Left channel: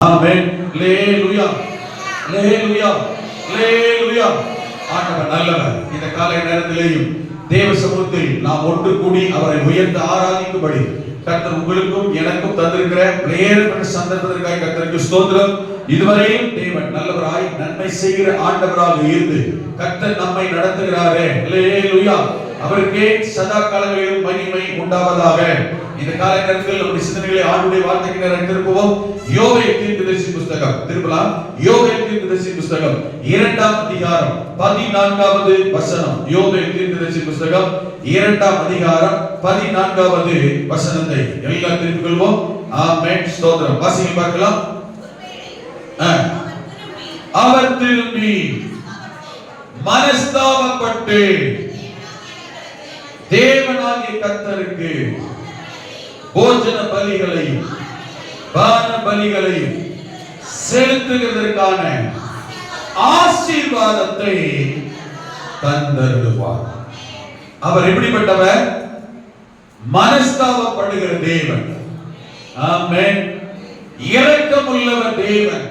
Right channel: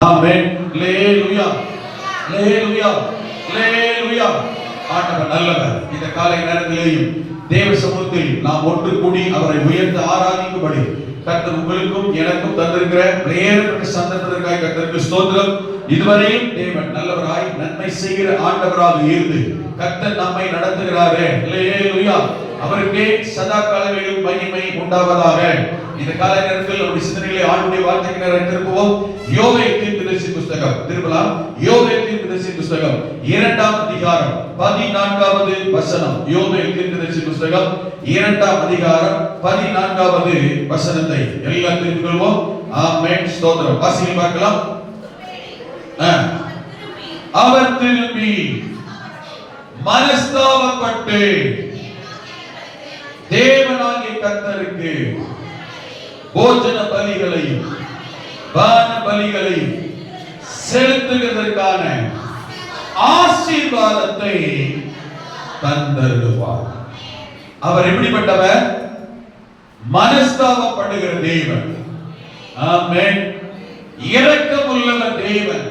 ஆமென். அல்லேலூயா, அல்லேலூயா, அல்லேலூயா. ஆண்டவர் நல்லவர். இந்த காலை நேரத்திலேயும் தேவ சமூகத்தில் நாம் ஒன்று கூடி அவரை உயர்த்த ஆராதிக்கும்படி கர்த்தர் உங்களுக்கும் எனக்கும் தந்திருக்கிற நேரப்பட்ட சந்தர்ப்பத்திற்காக கர்த்தருக்கு ஸ்தோத்திரம். இதுவரையும் தேவன் நல்லவராய் நன்மை செய்கிற ஆண்டவராக இருந்து கர்த்தர் நம்மை நடத்துகிறாரே. அல்லேலூயா. அவருக்கே சதா காலங்களிலும் மகிமை உண்டாவதாக. இந்த காலை நேரத்தில் நம்முடைய சிந்தனைகளை ஆண்டுடைய வார்த்தைக்கு நேரம் திருப்புவோம். யோவேல் தீர்க்கதரிசி புத்தகம் திருப்பலாம். யோவேல் தீர்க்கதரிசி புத்தகம் 2ஆம் அதிகாரம் 14வது வசனம். யோவேல் தீர்க்கதரிசி புத்தகம் 2ஆம் அதிகாரம் 14வது வசனத்தை எல்லாம் திருப்பிக்கொள்வோம். ஆமென். ஸ்தோத்திரம். வாசிக்க பார்க்கலாம். அவர் திரும்பி மனஸ்தாபப்பட்டு தேவனாகிய கர்த்தருக்கு போஜன பலிகளையும் பான பலிகளையும் செலுத்துவதற்கான ஆசீர்வாதத்தை தந்தருவார். அவர் எப்படிப்பட்டவர்? மனஸ்தாபப்படுகிற தேவன். ஆமென். இரக்கமுள்ளவர் தேவன்.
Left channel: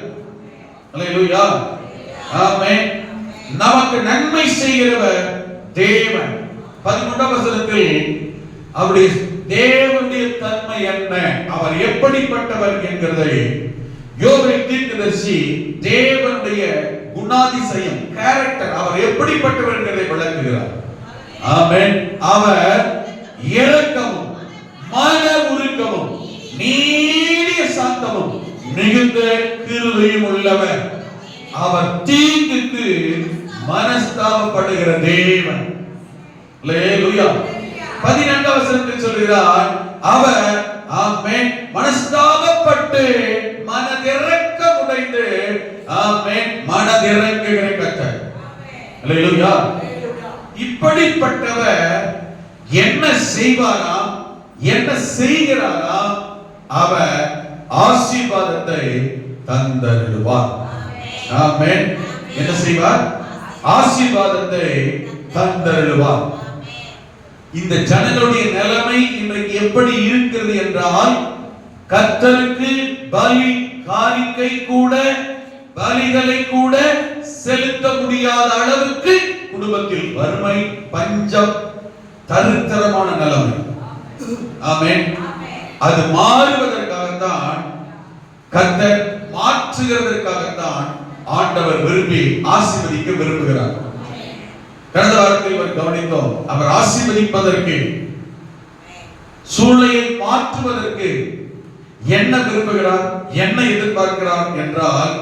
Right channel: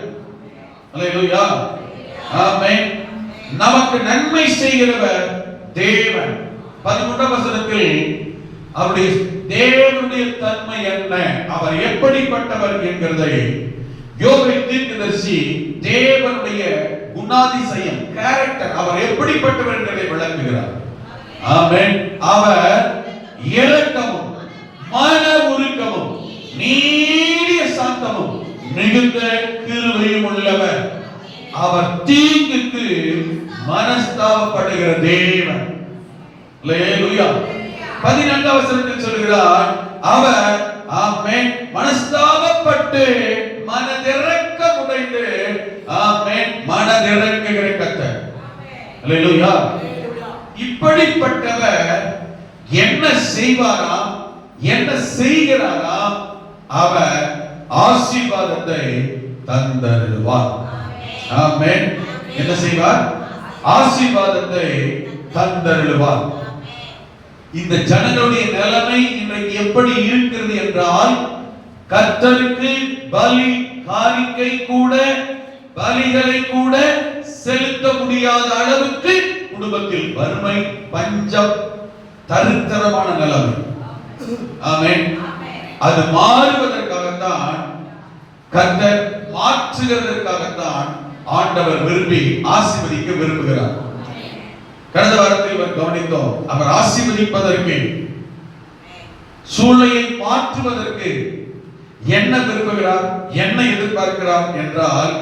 அல்லேலூயா. ஆமென். நமக்கு நன்மை செய்கிறவர் தேவன். 13ஆம் வசனத்தில் அவருடைய தேவனுடைய தன்மை என்ன, அவர் எப்படிப்பட்டவர் என்கிறதை யோவேல் தீர்க்கதரிசி தேவனுடைய குணாதிசயம், கேரக்டர், அவர் எப்படிப்பட்டவர் என்பதை விளக்குகிறார். ஆமென். அவர் இரக்கமும் மன உருக்கமும் நீடிய சாந்தமும் மிகுந்த கிருபையும் உள்ளவர். அவர் தீங்குக்கு மனஸ்தாபப்படுகிற தேவன். அல்லேலூயா. 14ஆம் வசனத்தில் சொல்கிறார், அவர் ஆமென் மனஸ்தாபப்பட்டு மனதிரக்கம் உடைந்து ஆமென் மனதிரங்குகிற கர்த்தர். அல்லேலூயா. இப்படிப்பட்டவர் என்ன செய்வாராம், என்ன செய்கிறாராம்? அவர் ஆசீர்வாதத்தை தந்தருவார். ஆமென். என்ன செய்வார்? ஆசீர்வாதத்தை தந்தருவார். இந்த ஜனங்களுடைய நிலைமை இன்றைக்கு எப்படி இருக்கிறது என்றால், கர்த்தருக்கு பலி காணிக்கை கூட பலிகளை கூட செலுத்த முடியாத அளவுக்கு குடும்பத்தில் வறுமை, பஞ்சம், தரித்திரமான நிலைமை. ஆமென். அது மாறுவதற்காகத்தான், கர்த்தர் மாற்றுகிறதற்காகத்தான் ஆண்டவர் விரும்பி ஆசீர்வதிக்க விரும்புகிறார். கடந்த வாரத்தில் கவனித்தோம். அவர் ஆசீர்வதிப்பதற்கு, சூழ்நிலையை மாற்றுவதற்கு என்ன விரும்புகிறார், என்ன எதிர்பார்க்கிறார் என்றால்,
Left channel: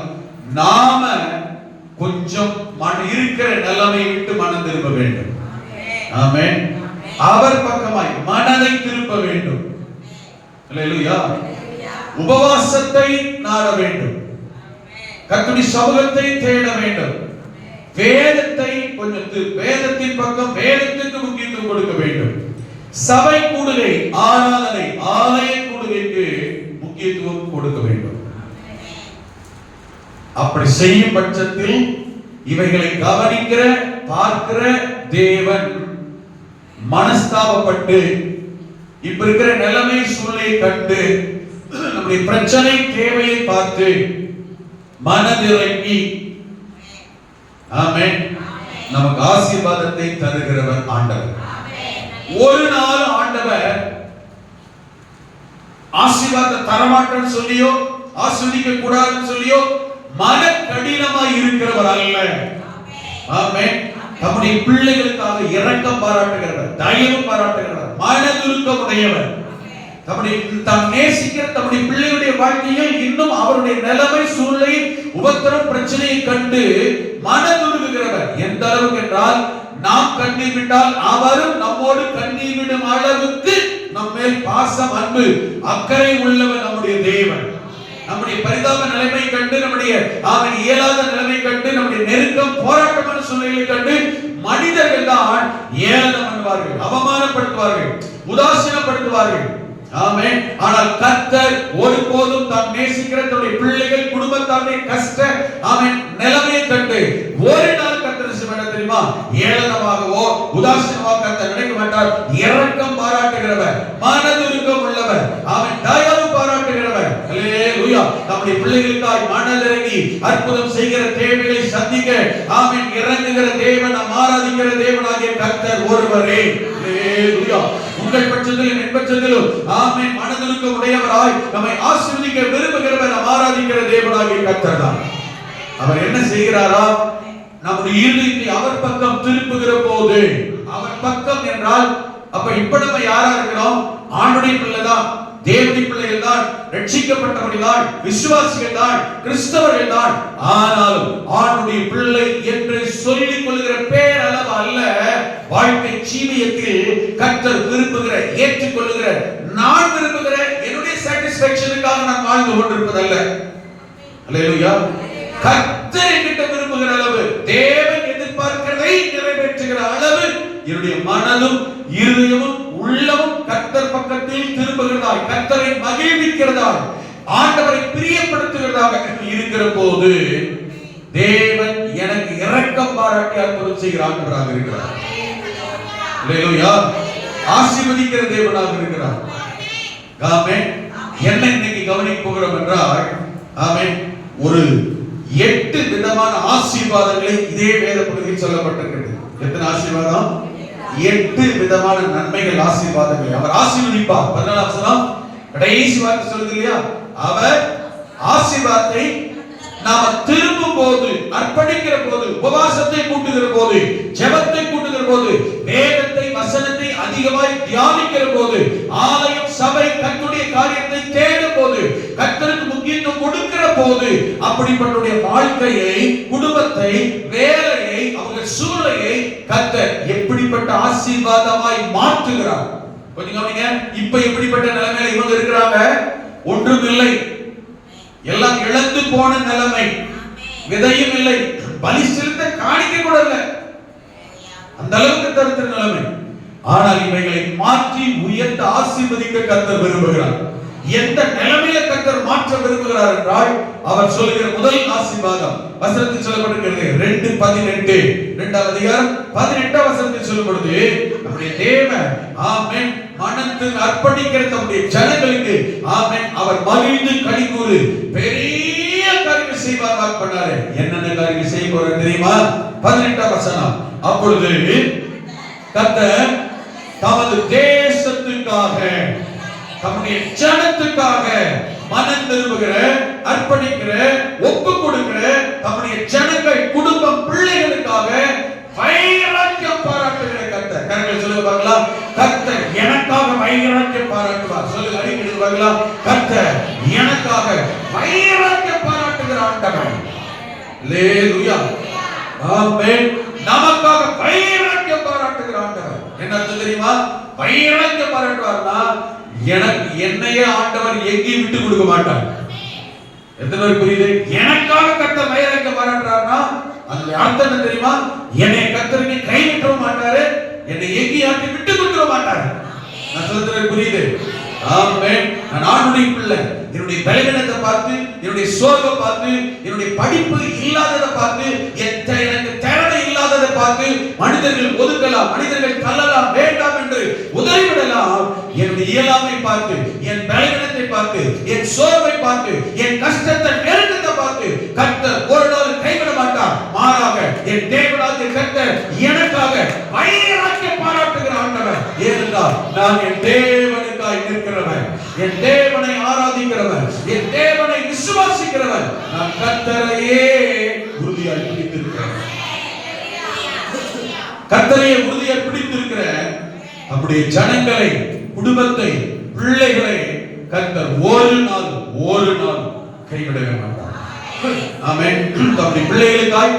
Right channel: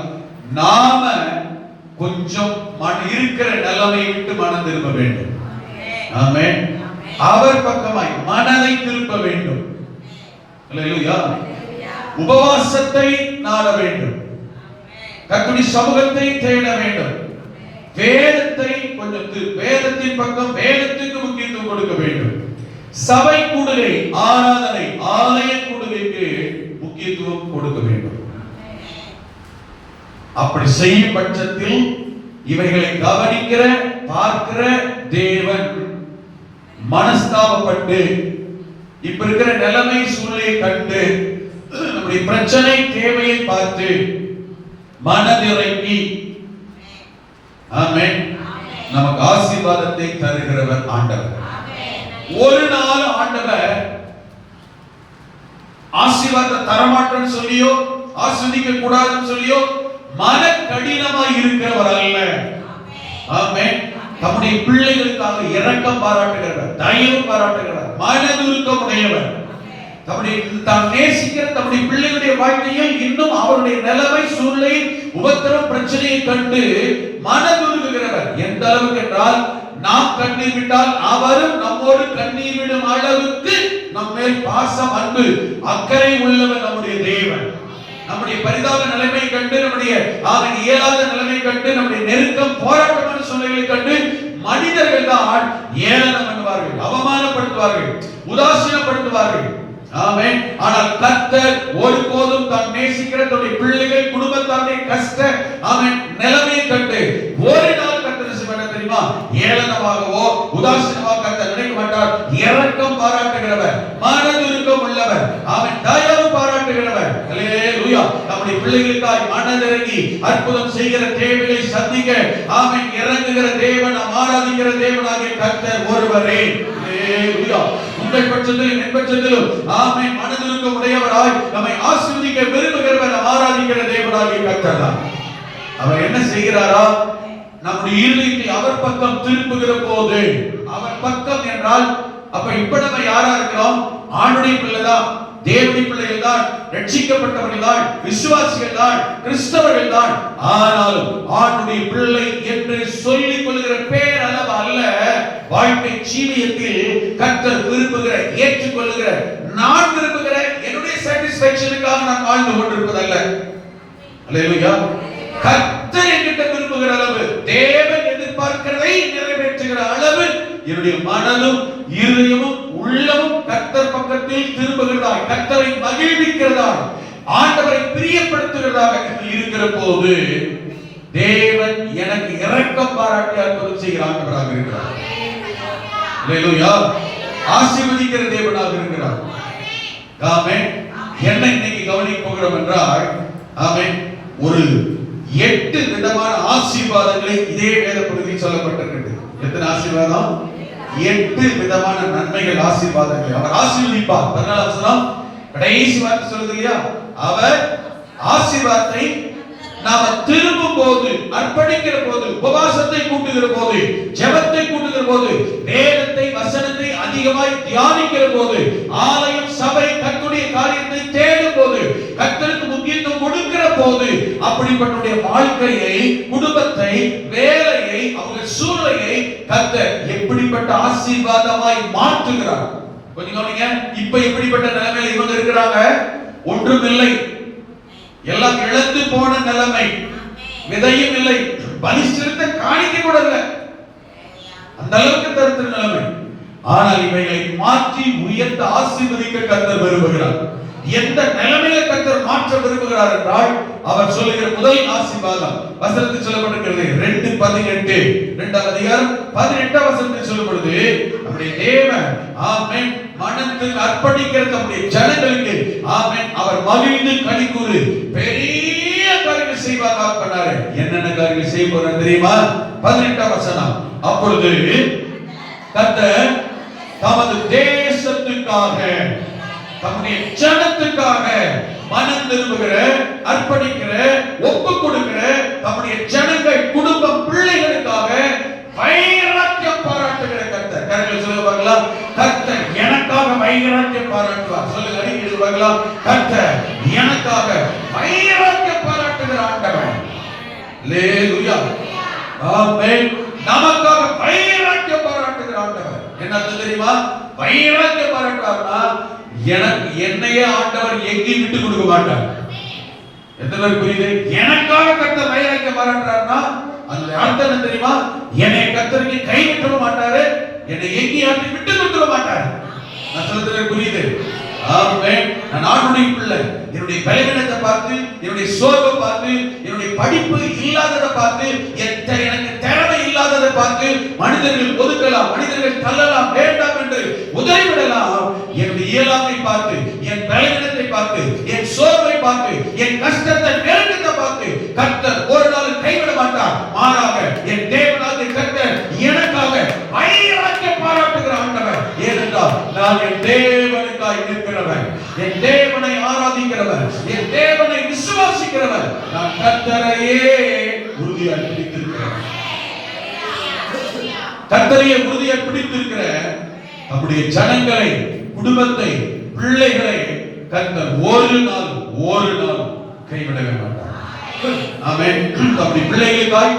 நாம கொஞ்சம் இருக்கிற நிலைமை விட்டு மனம் திரும்ப வேண்டும். ஆமென். அவர் பக்கமாய் மனதை திருப்ப வேண்டும். அல்லேலூயா. உபவாசத்தை நாட வேண்டும். கர்த்தருடைய சமூகத்தை தேட வேண்டும். வேதத்தை கொஞ்சம் வேதத்தின் பக்கம், வேதத்துக்கு முக்கியத்துவம் கொடுக்க வேண்டும். சபை கூடுகை, ஆராதனை, ஆலய கூடுகைக்கு முக்கியத்துவம் கொடுக்க வேண்டும். அப்படி செய்யும் பட்சத்தில் இவைகளை கவனிக்கிற பார்க்கிற தேவன் மனஸ்தாபப்பட்டு இப்ப இருக்கிற நிலைமை சூழ்நிலையை கண்டு நம்முடைய பிரச்சனை தேவையை பார்த்து மனதிறங்கி ஆமென் நமக்கு ஆசீர்வாதத்தை தருகிறவர் ஆண்டவர். ஒரு நாள் ஆண்டவர் ஆசீர்வாதத்தை தரமாட்டேன்னு சொல்லியோ, ஆஸ்வதிக்க கூடாதுன்னு சொல்லியோ மன கடினமாய் இருக்கிறவர் அல்ல. ஆமென். தம்முடைய பிள்ளைகளுக்காக இரக்கம் பாராட்டுகிறவர், தயவு பாராட்டுகிறவர், மனதுருக்கம் உடையவர். தாம் நேசிக்கிற தம்முடைய பிள்ளைகளுடைய வாழ்க்கையில் இன்னும் அவருடைய நிலைமை சூழ்நிலை உபத்திரம் பிரச்சனையை கண்டு மனதுருகுகிறவர். எந்த அளவுக்கு என்றால், நாம் கண்ணீர் விட்டால் அவரும் நம்மோடு கண்ணீர் விடும் அளவுக்கு நம்மேல் பாசம், அன்பு, அக்கறை உள்ளவர் நம்முடைய தேவன். நம்முடைய பரிதாப நிலைமை கண்டு, நம்முடைய அவன் இயலாத நிலைமை கண்டு, நம்முடைய நெருக்கம், போராட்டமான சூழ்நிலைகளை கண்டு மனிதர்கள் தான் ஏளனம் பண்ணுவார்கள், அவமானப்படுத்துவார்கள், உதாசீனப்படுத்துவார்கள். ஆமென். ஆனால் கர்த்தர் ஒருபோதும் தாம் நேசிக்கிற தன்னுடைய பிள்ளைகள், குடும்பத்தாருடைய கஷ்ட ஆமென் நிலைமையை கண்டு ஒரு நாள் கர்த்தர் செய்ய தெரியுமா? ஏளனமாகவோ உதாசீனமாக கர்த்தர் நினைக்க மாட்டார். இரக்கம் பாராட்டுகிறவர், மனதுருக்கம் உள்ளவர், அவன் தயவு பாராட்டுகிறவர். அல்லேலூயா. நம்முடைய பிள்ளைகளுக்காய் மனதிறங்கி அற்புதம் செய்கிற தேவைகளை சந்திக்க ஆமென் இறங்குகிற தேவன், ஆராதிக்கிற தேவனாகிய கர்த்தர் ஒருவரே. அல்லேலூயா. உங்கள் பட்சத்திலும் என் பட்சத்திலும் ஆமென் மனதிற்கு உடையவராய் நம்மை ஆசீர்வதிக்க விரும்புகிறவர் ஆராதிக்கிற தேவனாகிய கர்த்தர் தான். அவர் என்ன செய்கிறாரா? நம்முடைய இருதயத்தை அவர் பக்கம் திருப்புகிற போது, அவர் பக்கம் என்றால் அப்ப இப்ப நம்ம யாரா இருக்கிறோம்? ஆண்டுடைய பிள்ளைதான், தேவனுடைய பிள்ளைகள் தான், ரட்சிக்கப்பட்டவர்கள் தான், விசுவாசிகள் தான், கிறிஸ்தவர்கள் தான். ஆனாலும் ஆண்டுடைய பிள்ளை என்று சொல்லிக் கொள்கிற பேர் அளவு அல்ல, வாழ்க்கை ஜீவியத்தில் கர்த்தர் விரும்புகிற, ஏற்றுக்கொள்ளுகிற, நான் விரும்புகிற என்னுடைய சாட்டிஸ்ஃபேக்ஷனுக்காக நான் வாழ்ந்து கொண்டிருப்பதல்ல. அல்லேலூயா. கர்த்தர் என்கிட்ட விரும்புகிற அளவு, தேவன் எதிர்பார்க்கிறதை நிறைவேற்றுகிற அளவு என்னுடைய மனதும் இருதயமும் உள்ளமும் கர்த்தர் பக்கத்தில் திரும்புகிறதாய், கர்த்தரை மகிழ்விக்கிறதாய், ஆண்டவரை பிரியப்படுத்துகிறதாக இருக்கிற போது தேவன் எனக்கு இரக்கம் பாராட்டி அற்புதம் செய்கிற ஆண்டவராக இருக்கிறார். அல்லேலூயா. ஆசீர்வதிக்கிற தேவனாக இருக்கிறார். ஆமென். என்ன இன்னைக்கு கவனிக்க போகிறோம் என்றால், ஆமென், ஒரு 8 விதமான ஆசீர்வாதங்களை இதே வேத பகுதியில் சொல்லப்பட்டிருக்கிறது. எத்தனை ஆசீர்வாதம்? 8 விதமான நன்மைகள், ஆசீர்வாதங்கள். அவர் ஆசீர்வதிப்பார். 14 வசனம் கடைசி வார்த்தை சொல்லுது இல்லையா? அவர் ஆசீர்வாதத்தை நாம திரும்பும் போது, அர்ப்பணிக்கிற போது, உபவாசத்தை கூட்டுகிற போது, ஜெபத்தை கூட்டுகிற போது, வேதத்தை வசனத்தை அதிகமாய் தியானிக்கிற போது, ஆலயம் சபை கர்த்தருடைய காரியத்தை தேடும் போது, கர்த்தருக்கு முக்கியத்துவம் கொடுக்கிற போது, அப்படிப்பட்ட வாழ்க்கையை, குடும்பத்தை, வேலையை, அவங்க சூழ்நிலையை கர்த்தர் எப்படிப்பட்ட ஆசீர்வாதமாய் மாற்றுகிறார். கொஞ்சம் கவனிங்க. இப்ப எப்படிப்பட்ட நிலைமையில இவங்க இருக்கிறாங்க? ஒன்றுமில்லை, எல்லாம் இழந்து போன நிலைமை, விதையும் இல்லை, பலி செலுத்த காணிக்கை கூட இல்லை, அந்த அளவுக்கு தருத்த நிலைமை. ஆனால் இவைகளை மாற்றி உயர்த்த ஆசீர்வதிக்க கர்த்தர் விரும்புகிறார். எந்த நிலைமையில கர்த்தர் மாற்ற விரும்புகிறார் என்றால், அவர் சொல்லுகிற முதல் ஆசீர்வாதம் வசனத்தில் சொல்லப்பட்டிருக்கிறது. 2:18 2ஆம் அதிகாரம் 18ஆம் வசனத்தில் சொல்லப்படுது, நம்முடைய தேவன் ஆமென் மனதுக்கு அர்ப்பணிக்கிற தம்முடைய ஜனங்களுக்கு ஆமென் அவர் மகிழ்ந்து களிகூறு பெரிய காரியங்கள் செய்வார் பண்ணாரு. என்னென்ன காரியங்கள் செய்ய போறார் தெரியுமா? 18ஆம் வசனம். அப்பொழுது கர்த்தர் தமது தேசத்துக்காக, தம்முடைய ஜனத்துக்காக மனம் திரும்புகிற, அர்ப்பணிக்கிற, ஒப்பு கொடுக்கிற தம்முடைய ஜனங்கள், குடும்பம், பிள்ளைகளுக்காக வைராக்கியம் பாராட்டுகிற கர்த்தர். கர்த்தர் சொல்லுங்க பார்க்கலாம். கர்த்தர் எனக்காக வைராக்கியம் பாராட்டுவார். சொல்லுங்க, அடிக்கடி பார்க்கலாம். கர்த்தர் எனக்காக வைராக்கியம் பாராட்டுகிற ஆண்டவர். அல்லேலூயா. ஆமென். நமக்காக வைராக்கியம் பாராட்டுகிற ஆண்டவர். என்ன அர்த்தம் தெரியுமா? வைராக்கியம் பாராட்டுவார்னா எனக்கு, என்னையே ஆண்டவர் எங்கேயும் விட்டு கொடுக்க மாட்டார். எத்தனை பேர் புரியுது? எனக்காக கர்த்தர் வைராக்கியம் பாராட்டுறாருன்னா அந்த அர்த்தம் என்ன தெரியுமா? என்னை கர்த்தருக்கு கைவிட்ட மாட்டாரு, என்னை எங்கேயும் விட்டு கொடுக்க மாட்டாரு. நான் சொல்றது புரியுது? ஆமென். நான் ஆண்டுடைய பிள்ளை, என்னுடைய பலவீனத்தை பார்த்து, என்னுடைய சோர்வை பார்த்து, என்னுடைய படிப்பு இல்லாததை பார்த்து, எனக்கு தேவை இல்லாததை பார்த்து மனிதர்கள் ஒதுக்கலாம், மனிதர்கள் தள்ளலாம், வேண்டாம் என்று உதவிவிடலாம். என்னுடைய இயலாமை பார்த்து, என் பலவீனத்தை பார்த்து, என் சோர்வை பார்த்து, என் கஷ்டத்தை, நெருக்கத்தை பார்த்து கர்த்தர் ஒரு நாள் கைவிட மாட்டார். மாறாக என் தேவனாகிய கர்த்தர் எனக்காக வைராக்கியம் பாராட்டுகிற ஆண்டவர். ஏனென்றால் நான் என் தேவனுக்காய் நிற்கிறவன், என் தேவனை ஆராதிக்கிறவன், என் தேவனை விசுவாசிக்கிறவன். நான் கர்த்தரையே உறுதியாக பிடித்திருக்கிறேன், கர்த்தரையே உறுதியாக பிடித்திருக்கிறேன். நம்முடைய ஜனங்களை, குடும்பத்தை, பிள்ளைகளை கர்த்தர் ஒரு நாள் கைவிடவே மாட்டார். ஆமென். நம்முடைய பிள்ளைகளுக்காய்,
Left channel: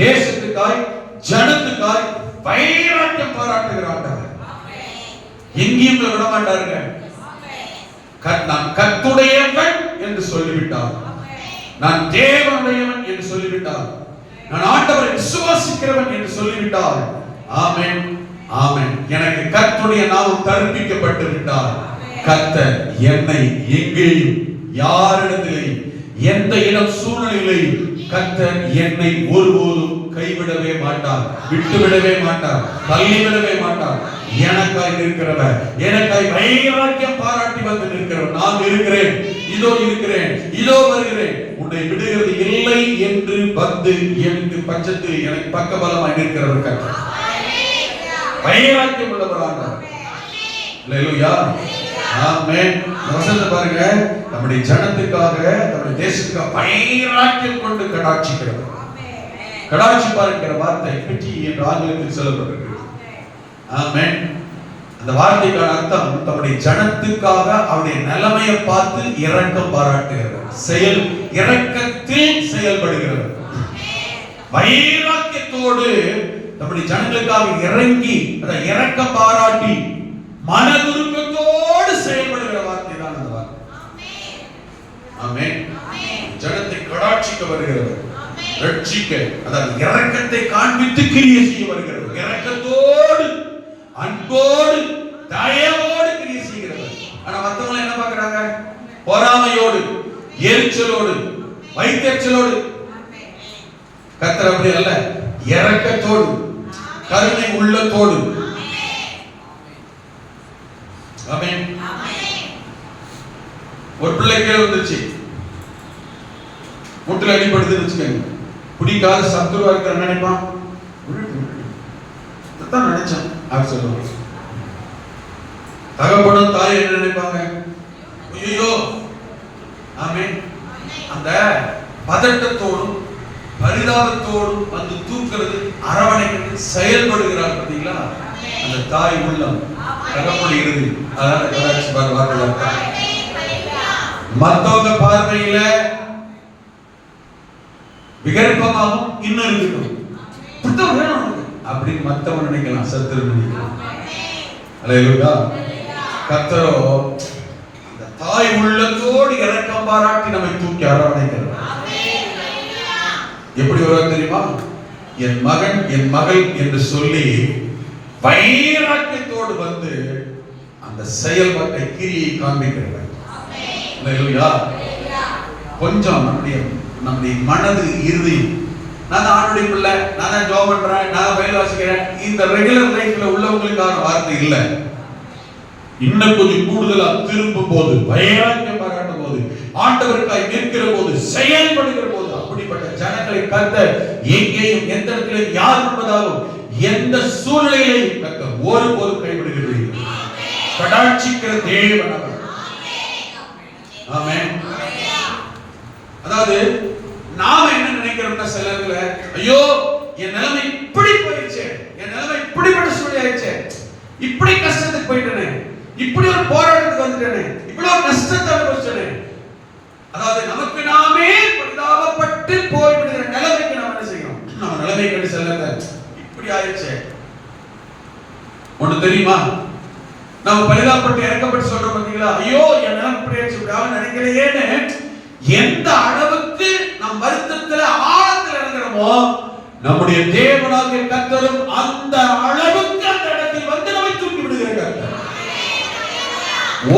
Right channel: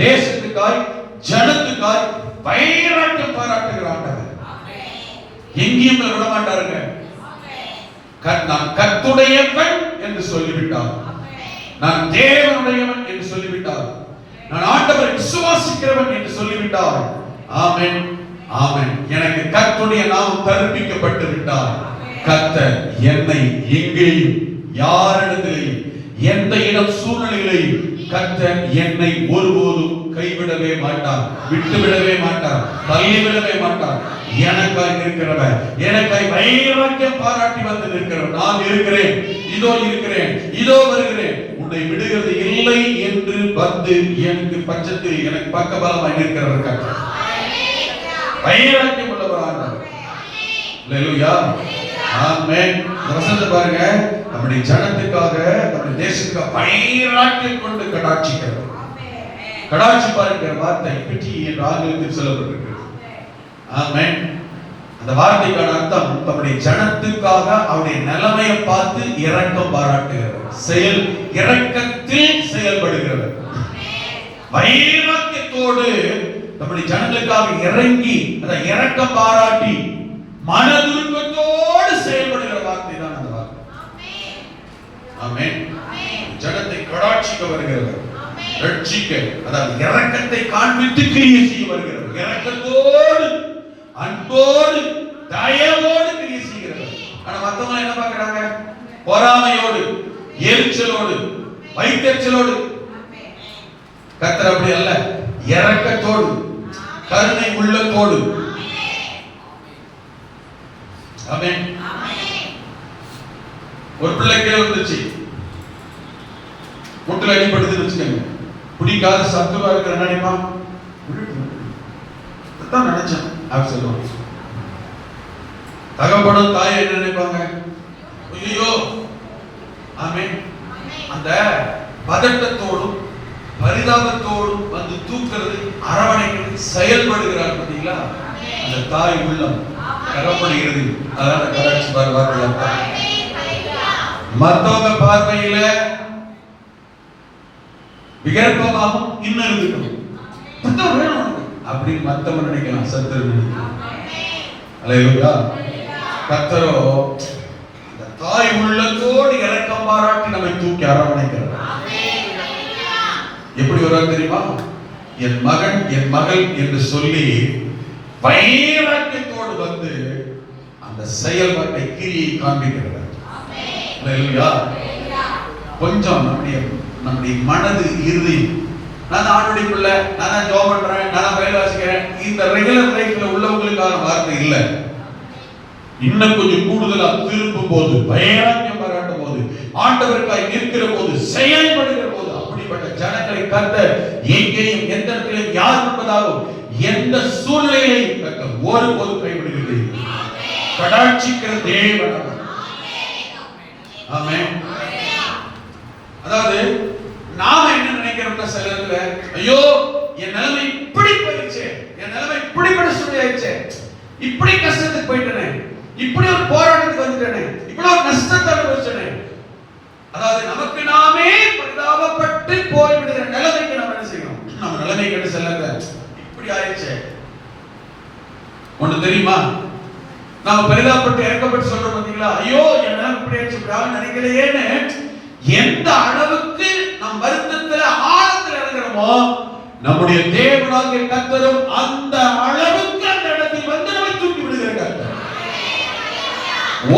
தேசத்துக்காய், ஜனத்துக்காய் வைராக்கியம் பாராட்டுகிற ஆண்டவர். எங்கேயும் விட மாட்டாருங்க. நான் கர்த்தருடையவன் என்று சொல்லிவிட்டார், நான் தேவனுடையவன் என்று சொல்லிவிட்டார், நான் ஆண்டவரை விசுவாசிக்கிறவன் என்று சொல்லிவிட்டார். ஆமென், ஆமென். எனக்கு கர்த்தருடைய நாமம் கற்பிக்கப்பட்டு விட்டார். கர்த்தர் என்னை எங்கேயும், யாரிடத்திலேயும், எந்த இடம் சூழ்நிலையிலையும் கர்த்தர் என்னை ஒருபோதும் கைவிடவே மாட்டார், விட்டுவிடவே மாட்டார், தள்ளிவிடவே மாட்டார். எனக்காய் நிற்கிறவர், எனக்காய் வைராக்கியம் பாராட்டி வந்து நிற்கிறவர். நான் இருக்கிறேன், இதோ இருக்கிறேன், இதோ வருகிறேன், உன்னை விடுகிறது இல்லை என்று வந்து எனக்கு பட்சத்தில் எனக்கு பக்கபலமாய் நிற்கிறவர் கர்த்தர். வைராக்கியம் உள்ளவராக. அல்லேலூயா, ஆமென். வசனத்தை பாருங்க, நம்முடைய ஜனத்துக்காக, நம்முடைய தேசத்துக்காக வைராக்கியம் கொண்டு கடாட்சிக்கிறவர். கடாட்சிப்பார் வார்த்தை பிட்டி என்று ஆங்கிலத்தில் சொல்லப்பட்டிருக்கிறது. ஆமென். அந்த வார்த்தைக்கான அர்த்தம் தம்முடைய ஜனத்துக்காக அவருடைய நிலைமையை பார்த்து இரக்கம் பாராட்டுகிறவர், செயல் இரக்கத்தில் செயல்படுகிறவர். வைராக்கியத்தோடு நம்முடைய ஜனங்களுக்காக இறங்கி அந்த இரக்கம் பாராட்டி மனதுருக்கத்தோடு செயல்படுகிற வார்த்தை தான் அந்த வார்த்தை. ஆமென். ஜனத்தை கடாட்சிக்க வருகிறவர், ரட்சிக்க, அதாவது இரக்கத்தை காண்பித்து கிரியை செய்ய வருகிறவர், இரக்கத்தோடு அன்போடு தயவோடு கிரியை செய்கிறவர். ஆனா மத்தவங்க என்ன பார்க்கறாங்க? பொறாமையோடு, எரிச்சலோடு, வைத்தறிச்சலோடு. கர்த்தர் அப்படி அல்ல, இரக்கத்தோடு, கருணை உள்ளத்தோடு. ஆமென். ஒரு பிள்ளை கீழே வந்துச்சு, முட்டில் அடிபடுதுன்னு வச்சுக்கோங்க. பிடிக்காத சத்துருவா இருக்கிற நினைப்பான், தான் நினைச்சான் அப்படி சொல்லுவாங்க. தகப்பனும் தாய் என்ன நினைப்பாங்க? ஐயோ. ஆமென். அந்த பதட்டத்தோடும் பரிதாபத்தோடும் வந்து தூக்குறது, அரவணைக்கிறது, செயல்படுகிறார் பார்த்தீங்களா? அந்த தாய் உள்ளம் கரப்படுகிறது. அதனால கராட்சி பார்வை. மத்தவங்க பார்வையில விகற்பமாகவும் இன்னும் இருக்கணும் அப்படின்னு மத்தவன் நினைக்கலாம், சத்துரு நினைக்கலாம். அல்லேலூயா. கர்த்தரோ இந்த தாய் உள்ளத்தோடு இரக்கம் பாராட்டி நம்மை தூக்கி அரவணைக்கிறார். எப்படி வருவாங்க தெரியுமா? என் மகன், என் மகள் என்று சொல்லி வைராக்கியத்தோடு வந்து அந்த செயல்பாட்டை கிரியை காண்பிக்கிறார். அல்லேலூயா. கொஞ்சம் நம்முடைய மனது, இறுதி, நான் ஆண்டுடைய பிள்ளை, நான் ஜாப் பண்றேன், நான் வேலை வாசிக்கிறேன், இந்த ரெகுலர் லைஃப்ல உள்ளவங்களுக்கான வார்த்தை இல்ல. இன்னும் கொஞ்சம் கூடுதலா திரும்பும் போது, வைராக்கியம் பாராட்டும் போது, ஆண்டவருக்காய் நிற்கிற போது, செயல்படுகிற போது, அப்படிப்பட்ட ஜனங்களை கர்த்தர் எங்கேயும் எந்த இடத்திலும் யார் என்பதாலும் எந்த சூழ்நிலையிலையும் கர்த்தர் ஒருபோதும் கைவிடுவதில்லை. கடாட்சிக்கிற தேவன். ஆமென். அதாவது நாம என்ன நினைக்கிறோம்னா சிலர்ல, ஐயோ என் நிலைமை இப்படி போயிடுச்சு, என் நிலைமை இப்படிப்பட்ட சூழ்நிலை ஆயிடுச்சு, இப்படி கஷ்டத்துக்கு போயிட்டேனே, இப்படி ஒரு போராட்டத்துக்கு வந்துட்டேனே, இவ்வளவு நஷ்டத்தை அனுபவிச்சேனே. அதாவது நமக்கு நாமே பரிதாபப்பட்டு போய்விடுகிற நிலைமைக்கு நாம் என்ன செய்யணும்? நம்ம நிலைமை கண்டு சிலர்ல இப்படி ஆயிடுச்சு. ஒண்ணு தெரியுமா? நாம பரிதாபப்பட்டு இறக்கப்பட்டு சொல்றோம் பார்த்தீங்களா? ஐயோ என் நிலைமை இப்படி ஆயிடுச்சு நினைக்கலையேன்னு எந்த அளவுக்கு நம் வருத்தத்துல ஆழத்தில் இறங்குறோமோ, நம்முடைய தேவனாகிய கர்த்தரும் அந்த அளவுக்கு அந்த இடத்தில் வந்து நம்மை தூக்கி விடுகிறார்.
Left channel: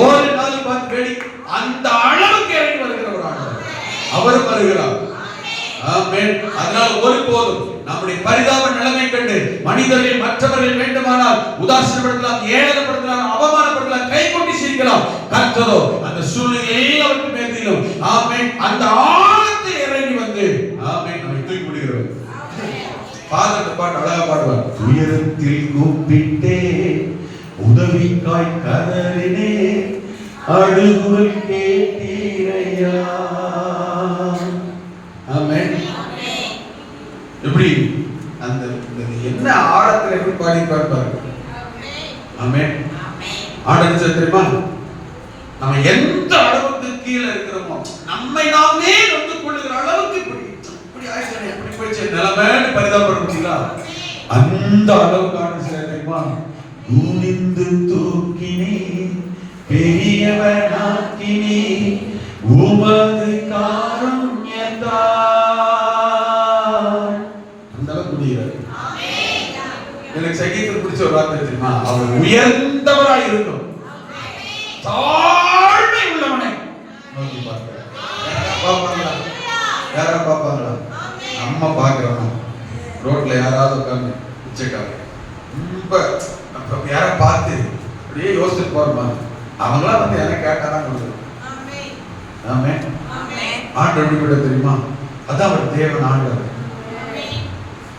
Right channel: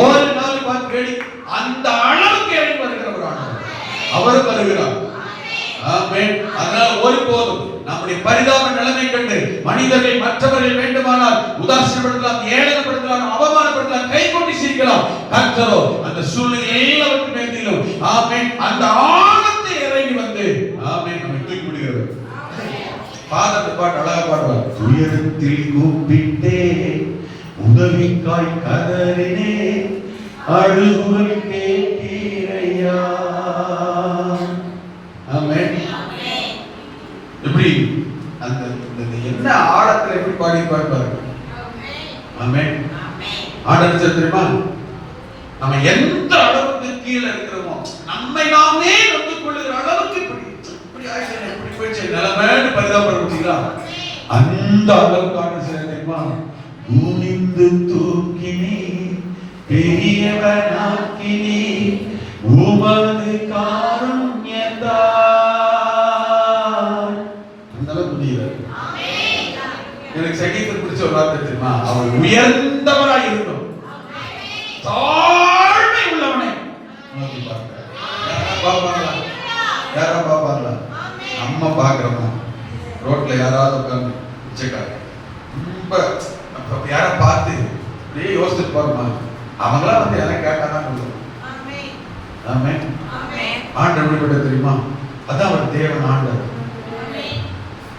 ஒரு நாள் பார்த்து அந்த அளவுக்கு இறங்கி வருகிறவர் அவர் வருகிறார். ஆமென். அதனால் ஒருபோதும் நம்முடைய பரிதாப நிலைமை கண்டு மனிதர்கள் மற்றவர்கள் வேண்டுமானால் உதாசீனப்படுத்தலாம், ஏளனப்படுத்தலாம், அவமானப்படுத்தலாம், கை கொட்டி சிரிக்கலாம். கர்த்தரோ அந்த சூழ்நிலை எல்லாவற்றையும் மேலும் ஆமென் அந்த ஆழத்தை இறங்கி வந்து ஆமென் நம்மை தூக்கி விடுகிறார். பாதத்தை பாட்டு அழகா பாடுவார். துயரத்தில் கூப்பிட்டே உதவிக்காய் கதறினே அழுகுவை கேட்டீரையா. ஆமென். எப்படி அந்த என்ன ஆழத்துல எப்படி பாடி பாடுவார். ஆமென். ஆடல் தெரியுமா? நம்ம எந்த அளவுக்கு கீழே இருக்கிறோமோ, நம்மை நாமே வந்து கொள்ளுகிற அளவுக்கு இப்படி ஆயிடுச்சு, இப்படி போயிடுச்சு நிலைமைன்னு பரிதாபப்பட முடியுங்களா? அந்த அளவுக்கு ஆடல் தெரியுமா? குனிந்து தூக்கினே பெரியவனாக்கினே உமது காருண்யத்தால். அந்த அளவுக்கு முடியாது. எனக்கு சங்கீதம் பிடிச்ச ஒரு வார்த்தை தெரியுமா? அவர் உயர்ந்தவராய் இருக்கணும், தாழ்மை உள்ளவனை நோக்கி பார்க்கிறார். யாரா பாப்பாங்களா? நம்ம பாக்குறோம். ரோட்ல யாராவது உட்கார்ந்து பிச்சைக்கார ரொம்ப யாரை பார்த்து அப்படியே யோசிச்சு போறோமா, அவங்களாம் வந்து என்ன கேட்டாதான் சொல்லுவோம். ஆமென். ஆண்டவர் கூட தெரியுமா, அதான் அவர் தேவன் ஆண்டவர்.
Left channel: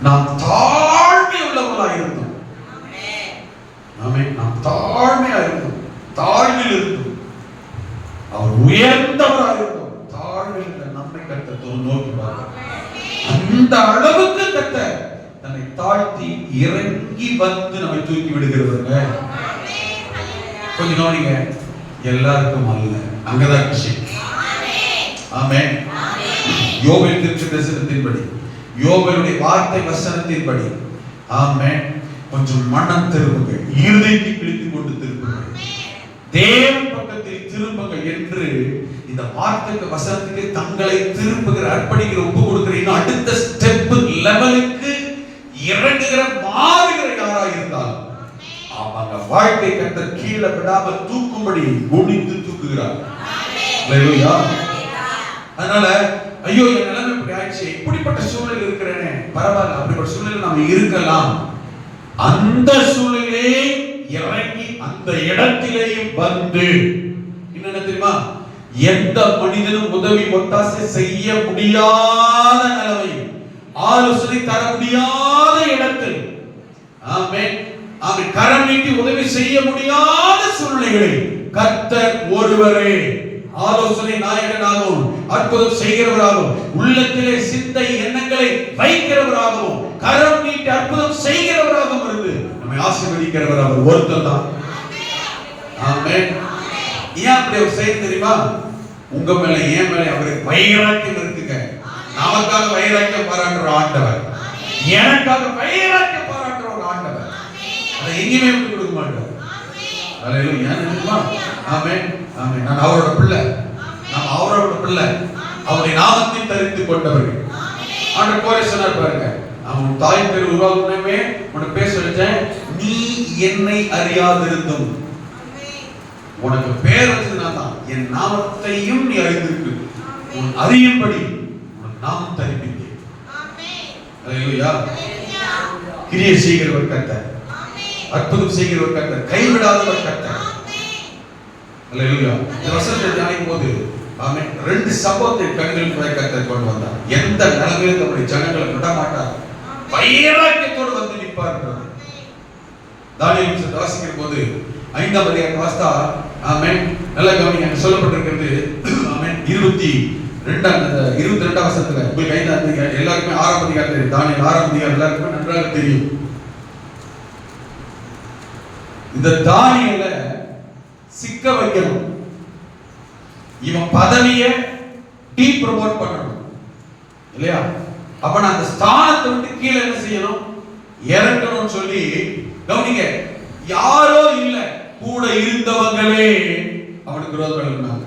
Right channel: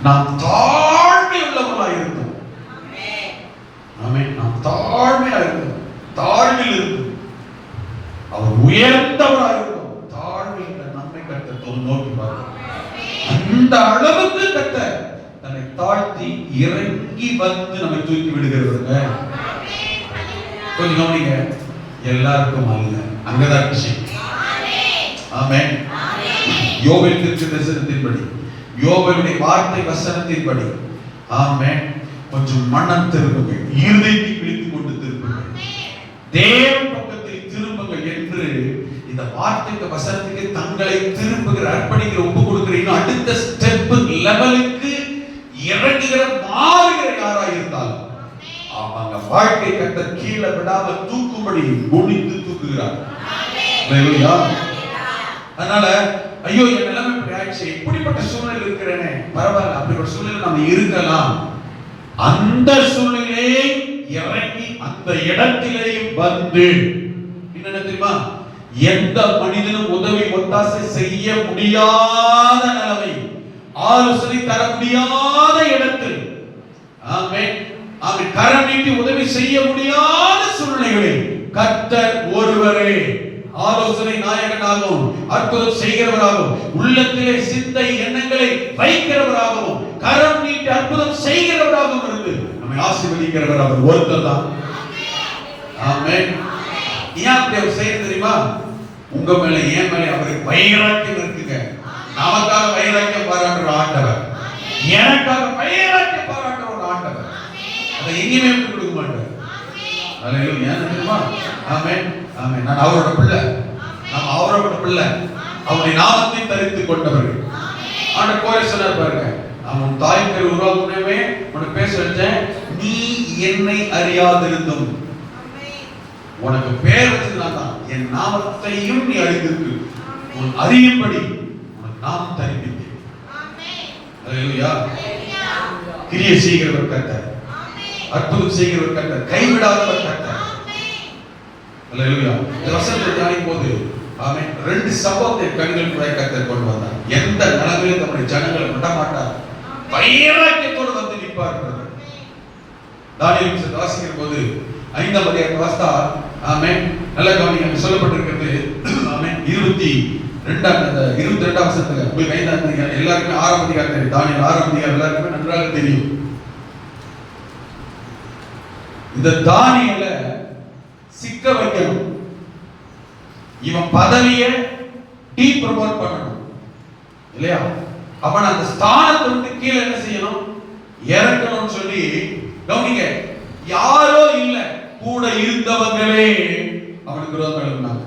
நாம் தாழ்மை உள்ளவர்களா இருந்தோம். ஆமென். நாம் தாழ்மையா இருந்தோம், தாழ்மையில் இருந்தோம். அவர் உயர்ந்தவரா இருந்தோம், தாழ்மையில் இருந்த நம்மை கர்த்தர் நோக்கி பாருங்க. அந்த அளவுக்கு கர்த்தர் தன்னை தாழ்த்தி இறங்கி வந்து நம்மை தூக்கி விடுகிறவங்க. கொஞ்சம் கவனிங்க, எல்லாருக்கும் அல்ல, அங்கதான் விஷயம். ஆமென். யோபேல் தீர்க்கதரிசனத்தின்படி, யோபேலுடைய வார்த்தை வசனத்தின்படி, ஆமென், கொஞ்சம் மனம் திரும்புங்க, இருதயத்தை பிடித்துக் கொண்டு திரும்புங்க, தேவன் பக்கத்தில் திரும்புங்க என்று இந்த வார்த்தைக்கு வசனத்துக்கு தங்களை திரும்புகிற, அர்ப்பணிக்கிற, ஒப்பு கொடுக்கிற, இன்னும் அடுத்த ஸ்டெப் லெவலுக்கு இறங்குகிற, மாறுகிற யாரா இருந்தால் அவங்க வாழ்க்கை கர்த்தர் கீழே விடாமல் தூக்கும்படி குனிந்து தூக்குகிறார். ஹalleluya. அதனால ஐயோ என் நிலைமை இப்படி ஆயிடுச்சு, இப்படிப்பட்ட சூழ்நிலை இருக்கிறேனே, பரவாயில்ல, அப்படிப்பட்ட சூழ்நிலை நம்ம இருக்கலாம். அந்த சூழ்நிலையை இறங்கி அந்த இடத்திலே வந்து என்ன தெரியுமா, எந்த மனிதனும் உதவி ஒத்தாசை செய்ய முடியாத நிலைமை, ஆலோசனை தர முடியாத இடத்தில், ஆமென், அவன் கரம் நீட்டி உதவி செய்ய முடியாத சூழ்நிலைகளை கர்த்தர் ஒருவரே ஆலோசனை நாயகனாகவும் அற்புதம் செய்கிறவராகவும் உள்ளத்திலே சிந்தை எண்ணங்களை வைக்கிறவராகவும் கரம் நீட்டி அற்புதம் செய்கிறவராகவும் இருந்து நம்மை ஆசீர்வதிக்கிறவர் அவர் ஒருத்தர் தான். ஆமென். ஏன் அப்படி அவர் செய்ய தெரியுமா, உங்க மேல ஏன் மேல அவருக்கு வைராக்கியம் இருக்குங்க. நமக்காக வைராக்கியம் பாராட்டுற ஆண்டவர், எனக்காக வைராக்கியம் பாராட்டுற ஒரு ஆண்டவர். அதை எங்கேயுமே விட்டு கொடுக்க மாட்டார். ஹalleluya. ஆமென். ஆமென். நான் அவரோட பிள்ளை, நான் அவரோட பிள்ளை, அவருடைய நாமத்தை தரித்துக் கொண்டவர்கள். ஆண்டவர் கோரி சொன்னார் பாருங்க, அவன் தாய் பேர் உருவாக்குனவே உனக்கு பேச வச்சேன், நீ என்னை அறியாதிருந்தும் உனக்கு பேர் வச்சதுனா தான் என் நாமத்தையும் நீ அறிந்திருக்கு, உன் அறியும்படி உனக்கு நாமம் தரிப்பித்தேன். ஹalleluya. கிரியை செய்கிறவர் கர்த்தர், அற்புதம் செய்கிறவர் கர்த்தர், கைவிடாதவர் கர்த்தர். ஹalleluya. இந்த வசனத்தை தியானிக்கும் போது ஆமென், ரெண்டு சம்பவத்தை கண்களுக்கு கர்த்தர் கொண்டு வந்தார். எந்த நிலைமையிலும் நம்முடைய ஜனங்களை விட மாட்டார், வைராக்கியத்தோடு வந்து நிற்பார். தானியேல் புத்தகத்தை வாசிக்கும் போது 5ஆம் அதிகாரம் வாசித்தா, ஆமென், நல்ல கவனிங்க, சொல்லப்பட்டிருக்கிறது. ஆமென். 22ஆம் வசனத்துல உங்களுக்கு 5ஆம் அதிகாரம் எல்லாருக்கும் 6ஆம் அதிகாரம் தெரியும். தானியேல் 6ஆம் அதிகாரம் எல்லாருக்கும் நன்றாக தெரியும். இந்த தானியேலை சிக்க வைக்கணும், இவன் பதவியை டீப்ரமோட் பண்ணணும் இல்லையா? அப்ப நான் அந்த ஸ்தானத்தை விட்டு கீழே என்ன செய்யணும், இறக்கணும் சொல்லி கவனிங்க, யாரோ இல்ல, கூட இருந்தவங்களே அவனுக்கு விரோதம் இருந்தாங்க.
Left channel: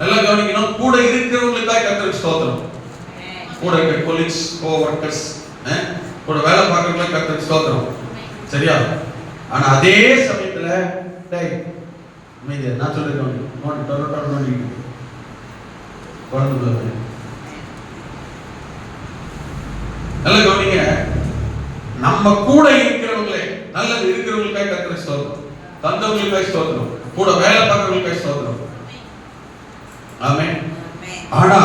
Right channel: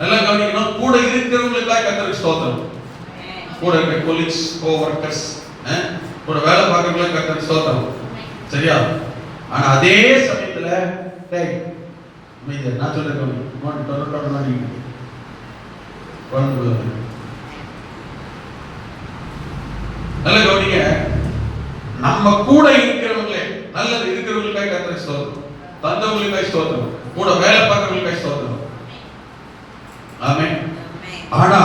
நல்லா கவனிக்கணும், கூட இருக்கிறவங்களுக்காக கர்த்தருக்கு ஸ்தோத்திரம். கூட இருக்க கொலீக்ஸ், கோவர்க்கர்ஸ், கூட வேலை பார்க்கறவங்களுக்கு கர்த்தருக்கு ஸ்தோத்திரம். சரியா? ஆனா அதே சமயத்துல டேய் நீங்க நான் சொல்றேன் நோட் டோரட்டோட நீங்க வந்து நல்லா கவனிங்க, நம்ம கூட இருக்கிறவங்களே, நல்லது இருக்கிறவங்களுக்காக கர்த்தருக்கு ஸ்தோத்திரம், தந்தவங்களுக்காக ஸ்தோத்திரம், கூட வேலை பார்க்கறவங்களுக்காக ஸ்தோத்திரம். ஆமென். ஆனா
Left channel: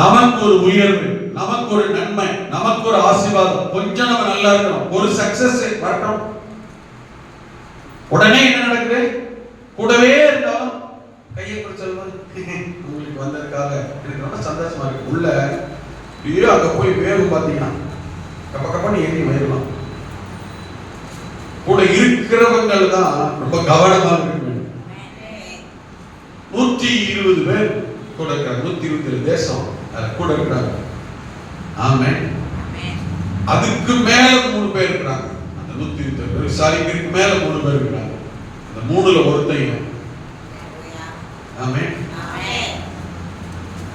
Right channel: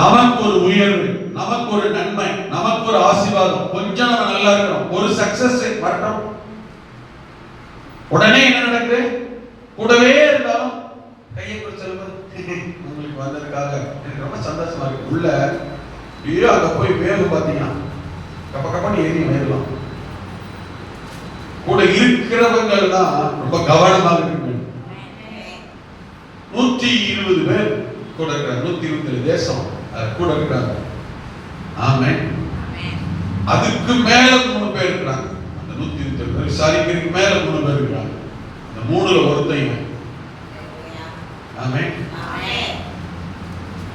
நமக்கு ஒரு உயர்வு, நமக்கு ஒரு நன்மை, நமக்கு ஒரு ஆசீர்வாதம், கொஞ்சம் நம்ம நல்லா இருக்கணும், ஒரு சக்சஸ் வரணும், உடனே என்ன நடக்குது, கூடவே இருந்தாலும் கையை பிடிச்சு சொல்வது உங்களுக்கு வந்ததுக்காக எனக்கு ரொம்ப சந்தோஷமா இருக்கு. உள்ள ஐயோ அங்க போய் வேறு பாத்தீங்கன்னா கப்ப கப்பன்னு ஏறி வேறலாம். கூட இருக்கிறவங்க தான் ரொம்ப கவனமாக இருக்கணும். 120 பேர் கூட இருக்கிறாங்க, 127 தேசம் கூட இருக்கிறாங்க. ஆமென். அதுக்கு மேல 3 பேர் இருக்கிறாங்க. அந்த 127 பேர் சாரிக்கு மேல 3 பேர் இருக்கிறாங்க. அந்த 3ல ஒருத்தையும். ஆமென்.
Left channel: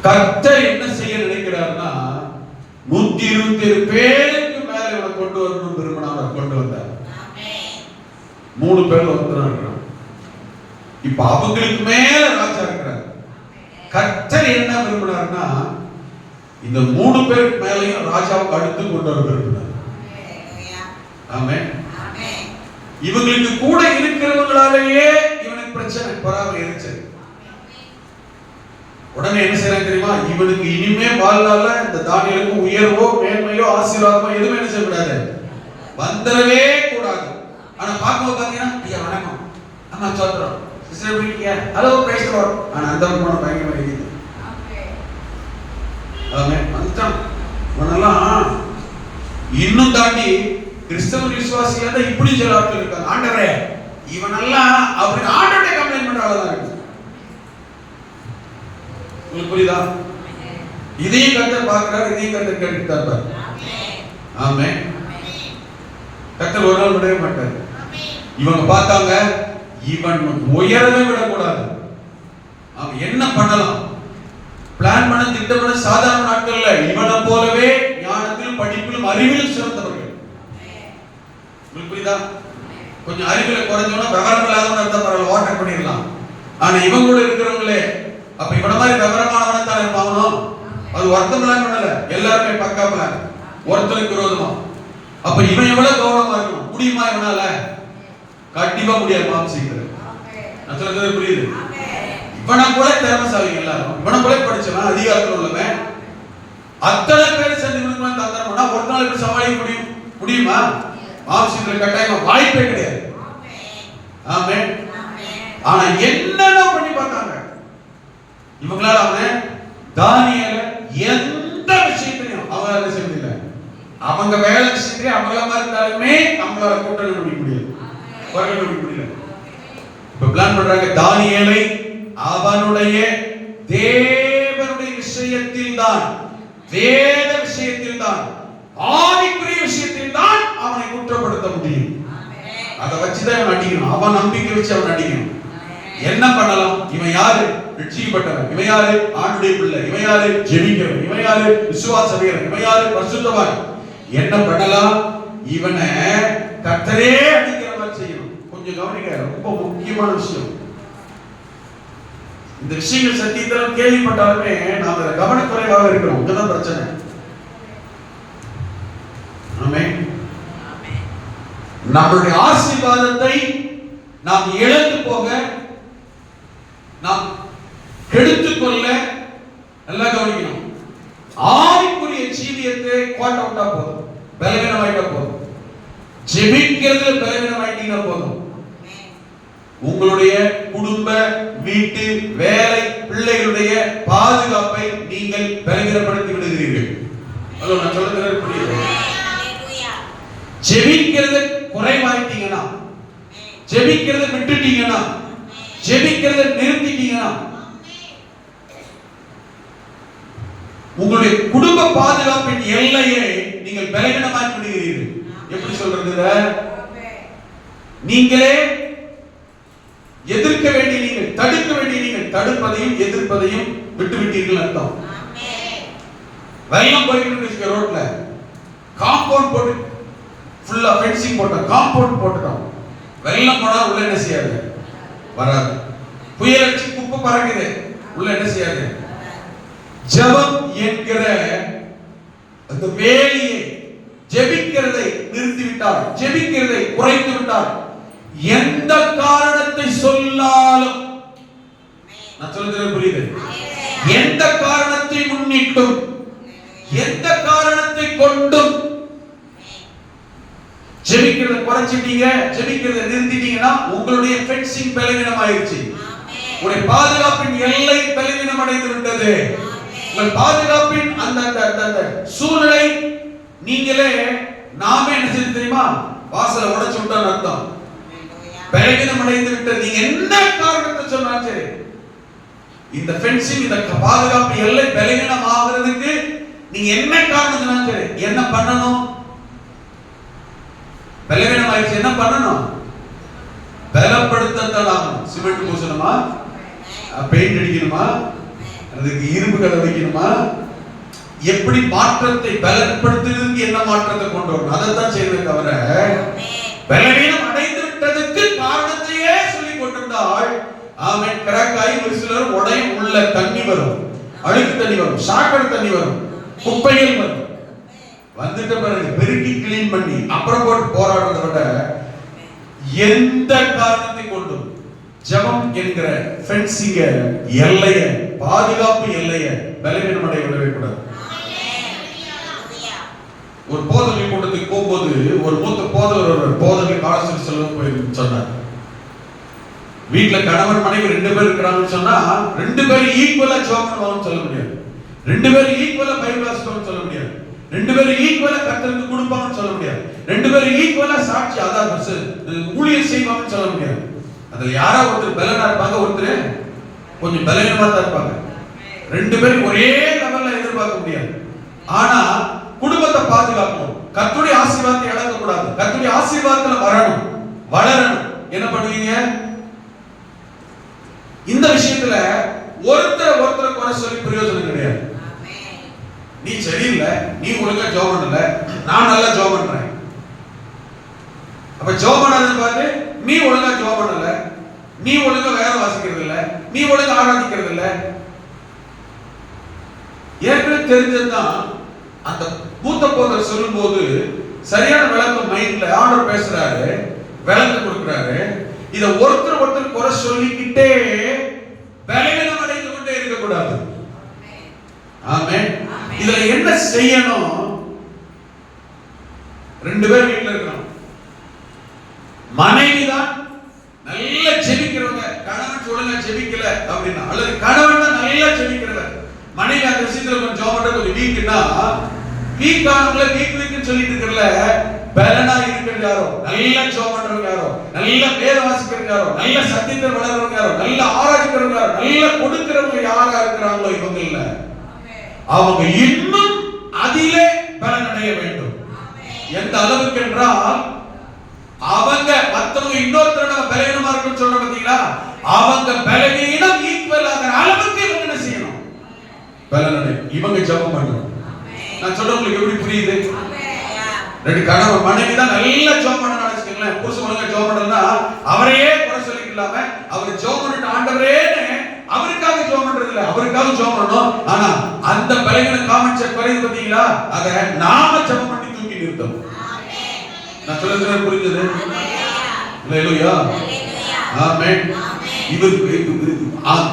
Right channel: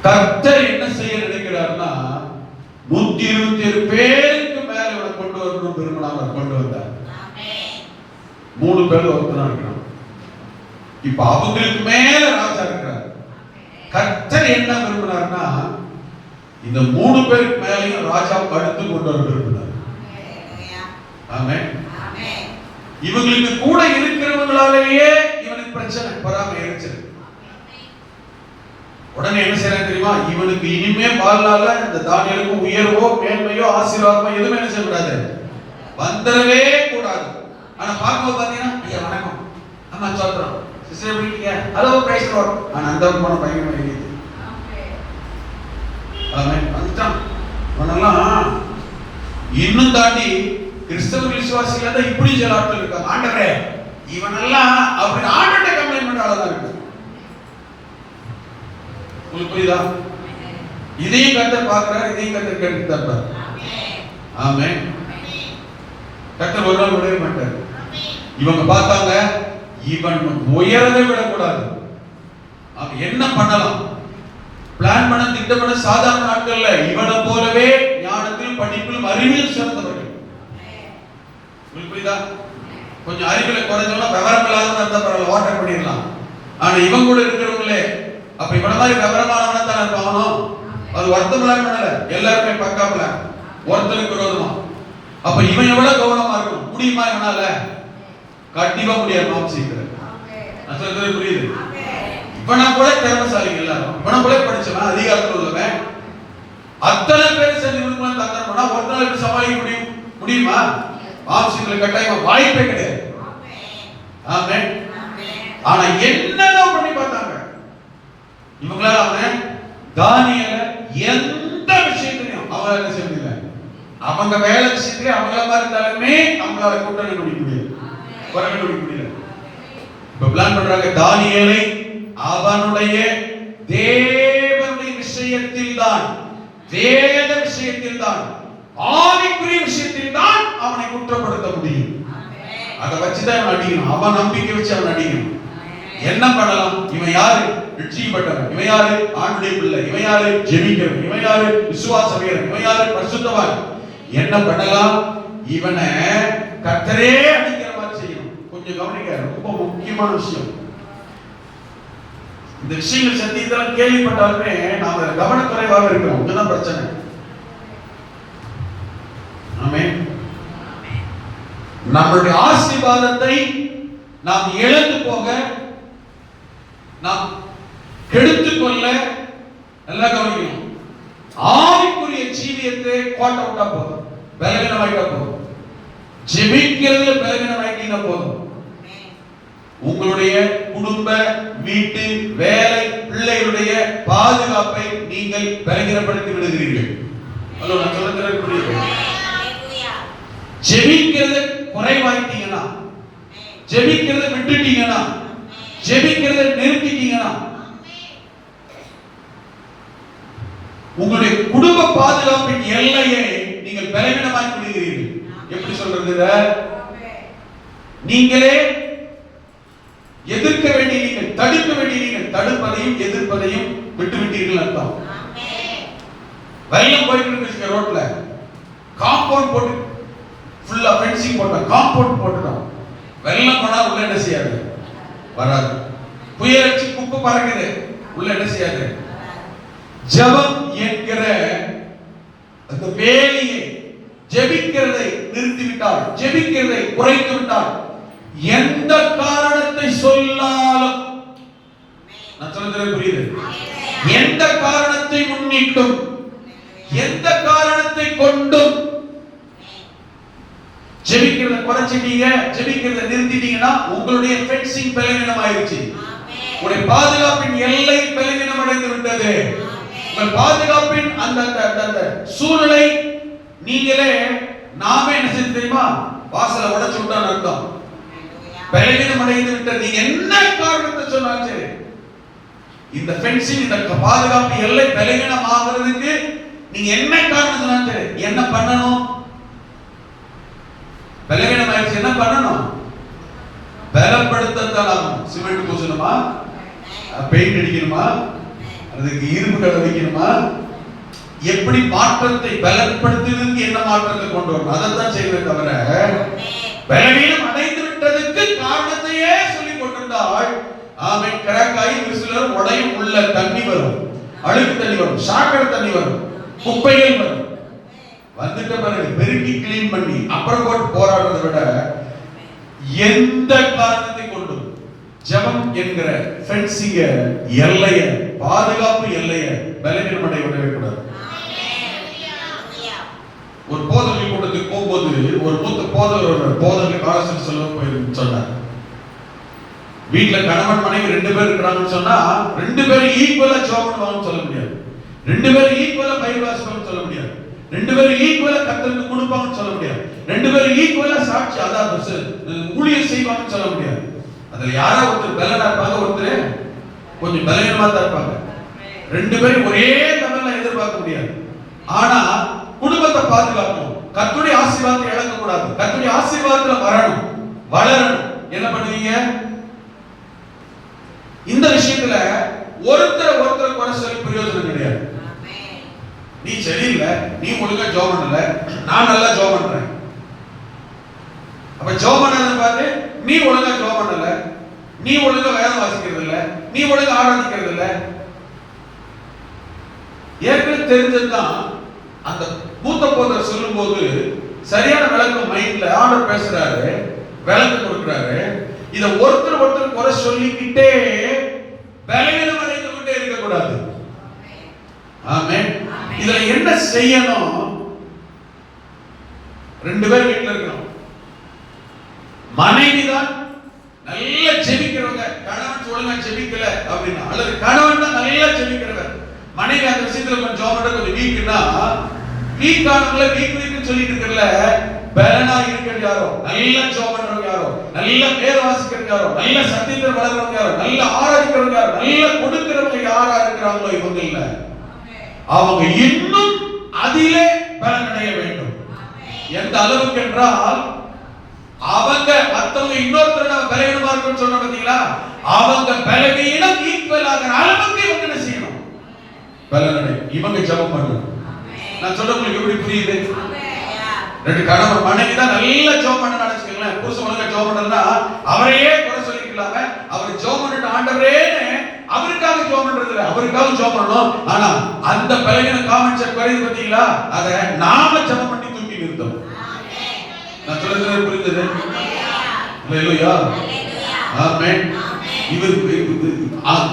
கர்த்தர் என்ன செய்ய நினைக்கிறார்னா 127 பேருக்கு மேல இவனை கொண்டு வரணும் விரும்பினா அவரை கொண்டு வந்தார். 3 பேர் ஒருத்தனா இருக்கிறான். இப்ப அவங்களுக்கு மேல ராஜா இருக்கிறார். கர்த்தர் என்ன விரும்பினார்னா இந்த 3 பேருக்கு மேலையும் ராஜாவுக்கு அடுத்து கொண்டு வர விரும்பினார். ஆமென். இவங்களுக்கு கூட இருக்கிறவங்களாலேயே இவனுக்கு பிரச்சனை, பொறாமை எரிச்சல். உடனே என்ன செய்யறாங்க தெரியுமா? இவனுக்கு இனிமே வாழ்நாள இந்த தானியலுக்கு உயர்வோ மேன்மையோ ஆசீர்வாதமோ எதுவுமே என்ன செய்யக்கூடாது, வந்துடவே கூடாது. ஆனா பார்க்க பாத்தீங்கன்னா, ஐயா வணக்கம், அம்மா சோத்திரம், சிஸ்டர் எப்படி இருக்கீங்க, ஹலோ பிரைஸ் தி லார்ட். ஆனா அந்த போன பயங்கரமா இருக்குது. ஆமென். வந்துட்டான். இவனெல்லாம் இன்னும் தாண்டி கிறிஸ்தவ விசுவாசியா தான் இப்படி சில ஆட்கள் இருக்காங்க. ஆண்டவரே இவனெல்லாம் அப்படின்னு ஆண்டவரே கம்ப்ளைண்ட் பண்றாங்க. உங்களுக்கு புரியுதா? இதையும் கர்த்தர் பார்க்கிறார், இதையும் கர்த்தர் கேட்டுட்டார். ஆமென். கர்த்தர் ஒரு நாள் விடவே மாட்டார். இவங்க பார்த்தாங்க, இவன் உயரவே விடக்கூடாது. அவன் என்ன பண்ணலாம், பிளான் பண்ண திட்டம் பண்ண சாதாரண ஆட்கள் இல்ல. இவனை போலவே ஞானத்தில் படிப்பிலும் அறிவிலும் சிறந்தவர்கள். உங்களுக்கு புரியுதா? கொஞ்சம் அறிவில குறைஞ்சவனா விவரம் இல்லாதவனா இருந்தா பரவாயில்ல, ஓட்டர் பண்ணிடலாம். ஆனா இவங்க கூட இருக்கிறவங்களே அப்ப இவன மாதிரி விவரமானவனா தான் இருப்பானோ, அது ஒருத்தமெல்லாம் பண்ணல, எல்லாருமே பக்கா பிளான், ஒருத்தருக்கு விரோதமா. அப்ப இவன் எவ்வளவு கவனமா இருக்கணும், முடியுமா இவனால? கண்டிப்பா முடியாது. மாம்சீகர் நான் சொல்றது புரியுது? இவனை போல திறமைசாலிங்க எல்லாரும், இவனை போல படிச்சவன், அதிகாரத்தில் உள்ளவன், அத்தனை பேர் சேர்ந்து தந்தாருன்னா ஒரு நாள் எப்படி சமாளிக்க முடியுமா? மாம்சீகர் கட்டாயம் வாய்ப்பே கிடையாது. ஆமென். ஆனா என்னென்ன பண்ணி பார்த்தாங்க இவங்களால அவனை தானியேல எந்த விஷயத்திலையும் அவங்க என்ன செய்யல, அவங்க வேலை விஷயத்திலே அவங்கள மாதிரி இருந்தாலுமே நம்மளால கூட்டணி பண்ணிக்க முடியாது, குறைக்க பண்ணிக்க முடியல. இப்ப பிளான் பண்றாங்க, தானியேலை அவனுடைய தேவனுடைய விஷயத்தில் தான், வேத விஷயத்தில் தான், ஆவிக்குரிய விஷயத்தில் தான் அவனை குற்றப்படுத்த முடியும். அதை வச்சுதான் அவன் அடிக்கணும், அவன் நம்பிக்கை வச்சு அவன் அடிக்கணும். என்ன பண்ணலாம்? இவன் யாரு? ரட்சிக்கப்பட்டவன். இவன் யாரு? ஆண்டுடைய பிள்ளை. இவன் யாரு? ஜெபிக்கிறவன். இவன் யாரு? விசுவாச வீரன். இவன் யாரு? பரிசுத்தவான். என்ன பண்ணலாம்? இவனை கர்த்தரே அடிக்கிற மாதிரி செய்யணும். கொஞ்சம் கவனிக்க, ரொம்ப முக்கியமான விஷயம். இந்த விஷயங்கள் சத்தியத்தெல்லாம் கேள்விப்பட்டாலுமே நாம கவனக்குறைவாக இருக்கிறோம். இதுதான் பிரச்சனை. ஆமென். நம்மளுடைய ஆசீர்வாதத்தை நாம் இழந்து போக, நாம் கெடுத்துக் கொள்ள நல்லா கவனிக்கணும். ஆவிக்குரிய ஜீவியத்தை கோட்ட விட்டா போதும், பலவீனமாயிட்டா போதும், ஜெபிக்கிறது பலவீனமாயிட்டீங்கன்னா போதும், உங்களுடைய குடும்ப, வீட்டு, வேலை, பிள்ளைகளுடைய பாதுகாப்பை நீங்கள் பலவீனப்படுத்தி விடுகிறீர்கள். அதோ நான் சொல்றது புரியுது? ஜெபிக்கிறது குறைவாயிட்டீங்கன்னா, ஜெபிக்கிறத விட்டுட்டீங்கன்னா, ஜெபிக்கிறத நிறுத்திட்டீங்கன்னா, உங்களுடைய குடும்ப பாதுகாப்பின் எல்லையை நீங்கள் பலவீனமாக்கி விடுகிறீர்கள். எப்படி சொல்றது? நீங்களே எதிர்க்க வேண்டிய நீங்கள், தடுக்க வேண்டிய நீங்கள், தடுப்பதையும் எதிர்ப்பதையும் விட்டு விட்டீர்கள் அர்த்தம். வெள்ளம் போயிட்டு இருக்கு ரோட்ல, காம்பவுண்ட் போட்டு ஃபுல்லா ஃபென்சிங் போட்டோம், காம்பவுண்ட் போட்டுட்டோம். வெள்ளம் போனா உள்ள என்ன செய்யாது? வராது. புயல் அடிச்சு குப்பை பறக்குது, உள்ள என்ன செய்யாது? ஜெபம் என்கிற அந்த வேலையை, ஜெபிக்கிறதை நிறுத்திவிட்டால், ஜெபிக்கிறதை குறைத்து விட்டால், எந்த காரணத்தை சொல்லாலும், நான் சொல்றது புரியுது? எந்த காரணத்தை முன்னிட்டும், எந்த காரணத்தை கொண்டும் ஜெபிக்கிறத குறைச்சிட்டீங்க, ஜெபிக்கிறத நிறுத்திட்டீங்கன்னா உங்களுடைய ஃபென்சிங் பலவீனம் ஆயிருச்சு. உங்களுடைய பாதுகாப்பின் எல்லை பலவீனம் அடைந்து விட்டது. உங்கள் பாதுகாப்பின் அந்த சூழலை நீங்களே நாமே என்ன செய்ய தெரியுமா? வாசலை உடைச்சு விட்டான்னு அர்த்தம். பலவீனம் அடைந்து விட்டது. நீங்க என்ன காரணத்தை சொன்னாலும் சரி, இந்த ஃபென்சிங், இந்த பாதுகாப்பு எல்லை பலவீனம் ஆகிறதுக்கு நீங்க என்ன காரணம் சொன்னாலும் சரி, என்ன பண்ணணும்? பலவீனம் ஆயிடுச்சு, என்ன பண்ணணும்? பலப்படுத்தலாம். சிமெண்ட் பூசணுமா? பெயிண்ட் அடிக்கணுமா? அதுக்கு இரும்பு கடை வைக்கணுமா? எப்படி மாற்றத்தை பலப்படுத்துவதற்கு என்ன மாற்றத்தை கொண்டு வரணும், அதைத்தான் செய்வதை தவிர பலவீனம் அடைந்து விட்டதுக்கு காரணத்தையே சொல்லிக் கொண்டிருந்தால், ஆமென், கிராக்காய் ஒரு சிலர் உடையும், உள்ள தண்ணி வரும், அழுக்கு தண்ணி வரும், சாக்கடை தண்ணி வரும், குப்பைகள் வரும். வந்துட்ட பிறகு பெருக்கி கிளீன் பண்ணி அப்புறம் போட்டு போராடுறதை விட எந்த காரணத்தை கொண்டும் ஜெபம் என்கிற ஃபென்சிங்க எல்லைய, பாதுகாப்பு எல்லைய பலவீனமடைய விடவே கூடாது. ஒரு போதனை கூட்டத்துக்கு போகும்போது ஒரு மூத்த போதனை ஆலோசனை செல்வம் போய் சொன்னார், வீட்டுல கணவன் மனைவி 2 பேர் இருக்கிறாங்கன்னு சொன்னா 2 பேரும் ஈக்குவலா ஜெபம் பண்ணுவாங்கன்னு சொல்ல முடியாது, 2 பேரும் ஈக்குவலா பைபிள் வாசிப்பாங்கன்னு சொல்ல முடியாது, 2 பேரும் ஈக்குவலா கர்த்தருக்கு கொடுப்பாங்கன்னு சொல்ல முடியாது, 2 பேரும் ஈக்குவலா சாட்சி அதாவது ஊழியம் செய்வாங்கன்னு சொல்ல முடியாது. அதுல யாரா ஒருத்தர் பலனா இருப்பாங்க, ஒருத்தர் கொஞ்சம் பலவீனமா தான் இருப்பாங்க. 2 பேரும் ஒரே லெவல்ல எதிர்பார்க்க முடியாது. ஆனா குடும்பத்தை பாதுகாக்கணும், கர்த்தருடைய ஆசீர்வாதத்தை இழக்க கூடாது, கர்த்தருடைய ஆசீர்வாதத்துல வரணும், வளரணும். என்ன பண்ணுவீங்க? இந்த விஷயத்துல ஒருத்தர் குறை சொல்லி பிரயோஜனம் கிடையாது. நீ சரியில்லை, நீ ஒழுங்கா ஜெபம் பண்ணல, நான் நல்லா ஜெபம் பண்றேன். அப்ப ஜெபம் பண்ணாதன்னு பார்த்து நீ ஒழுங்கா ஜெபம் பண்ணல, நீ ஒழுங்கா வேதம் வாசிக்கிறது இல்ல, நீ ஒழுங்கா ஆராதிக்கிறது இல்ல. ஏற்கனவே தெரிஞ்சதுதான். அந்த மூத்த போதர் சொல்லும் போது சரியான விளக்கம் மைண்ட்ல ஆண்டவர் பேசுறாரு, விளக்கம் கொடுக்கிறாரு. இத ஒருத்தர் குறை சொல்லிக்கிட்டே பலவீனம் அடைந்து கொண்டே இருக்க கூடாது. ஆமென். இதுல என்ன செய்யணும்? 2 பேர் வீட்டுல இருக்கணும். மனைவி தான் நல்ல ஜெபிக்கிறவங்க, கணவன் ஒழுங்கா ஜெபிக்கல அப்படின்னா, அல்லது கணவன் தான் நல்லா ஜெபிக்கிறவர், மனைவி அந்த விஷயத்துல கொஞ்சம் ஜெபம் பண்றது கொஞ்சம் வீக்னா, வீக்கானவங்கள வீக்னு சொல்லிட்டு இருக்கல, பலனா இருக்கிறது யாரோ, நல்ல ஜெபம் பண்றவங்க யாரோ, நல்ல வேதம் வாசிக்கிறவங்க யாரோ, நல்ல சத்தியத்தை வளர்றவங்க யாரோ, நல்ல ஆராய்க்கிறவங்க யாரோ, நல்ல கொடுக்கிறவங்க யாரா இருக்கிறாங்களோ இவங்க இல்ல, அவங்க இன்னும் அதிலே பலனடைய வேண்டும். எந்த அளவுக்கு என்றால், அவங்க மத்தவங்க இன்னொருத்தரோட பலவீனமா இருக்குன்னு சொல்ற பாத்தீங்களா, அவங்க பலவீனம் ஈக்குவல் ஆகிற அளவுக்கு இவங்க என்ன செய்யணும்? பலனடை. இவங்க ஜெபம் பண்ணுங்க. நான் சொல்றது உங்களுக்கு எப்படி புரியுது? 2 கணவன் மனைவி தான் நல்ல ஜெபம் பண்ண நினைச்சுக்கீங்களேன், புருஷன் ஒழுங்கா ஜெபம் பண்ணலன்னா அவரையே குறை சொல்லிக்கலாம, அவர் ஜெபம் பண்ணிட்டு ஆண்டவரேன்னு அவருக்காக ஜெபம் பண்றது இல்ல, அவருக்காக ஜெபம் பண்ணணும். ஆனா அந்த பலவீனம் காமிச்ச குறைவு பாத்தீங்களா, அதை நாம ஜெபம் பண்ணி தூக்கி நிறுத்தோம். நான் சொல்றது புரியுது? அல்லேலூயா, ஆமென். இது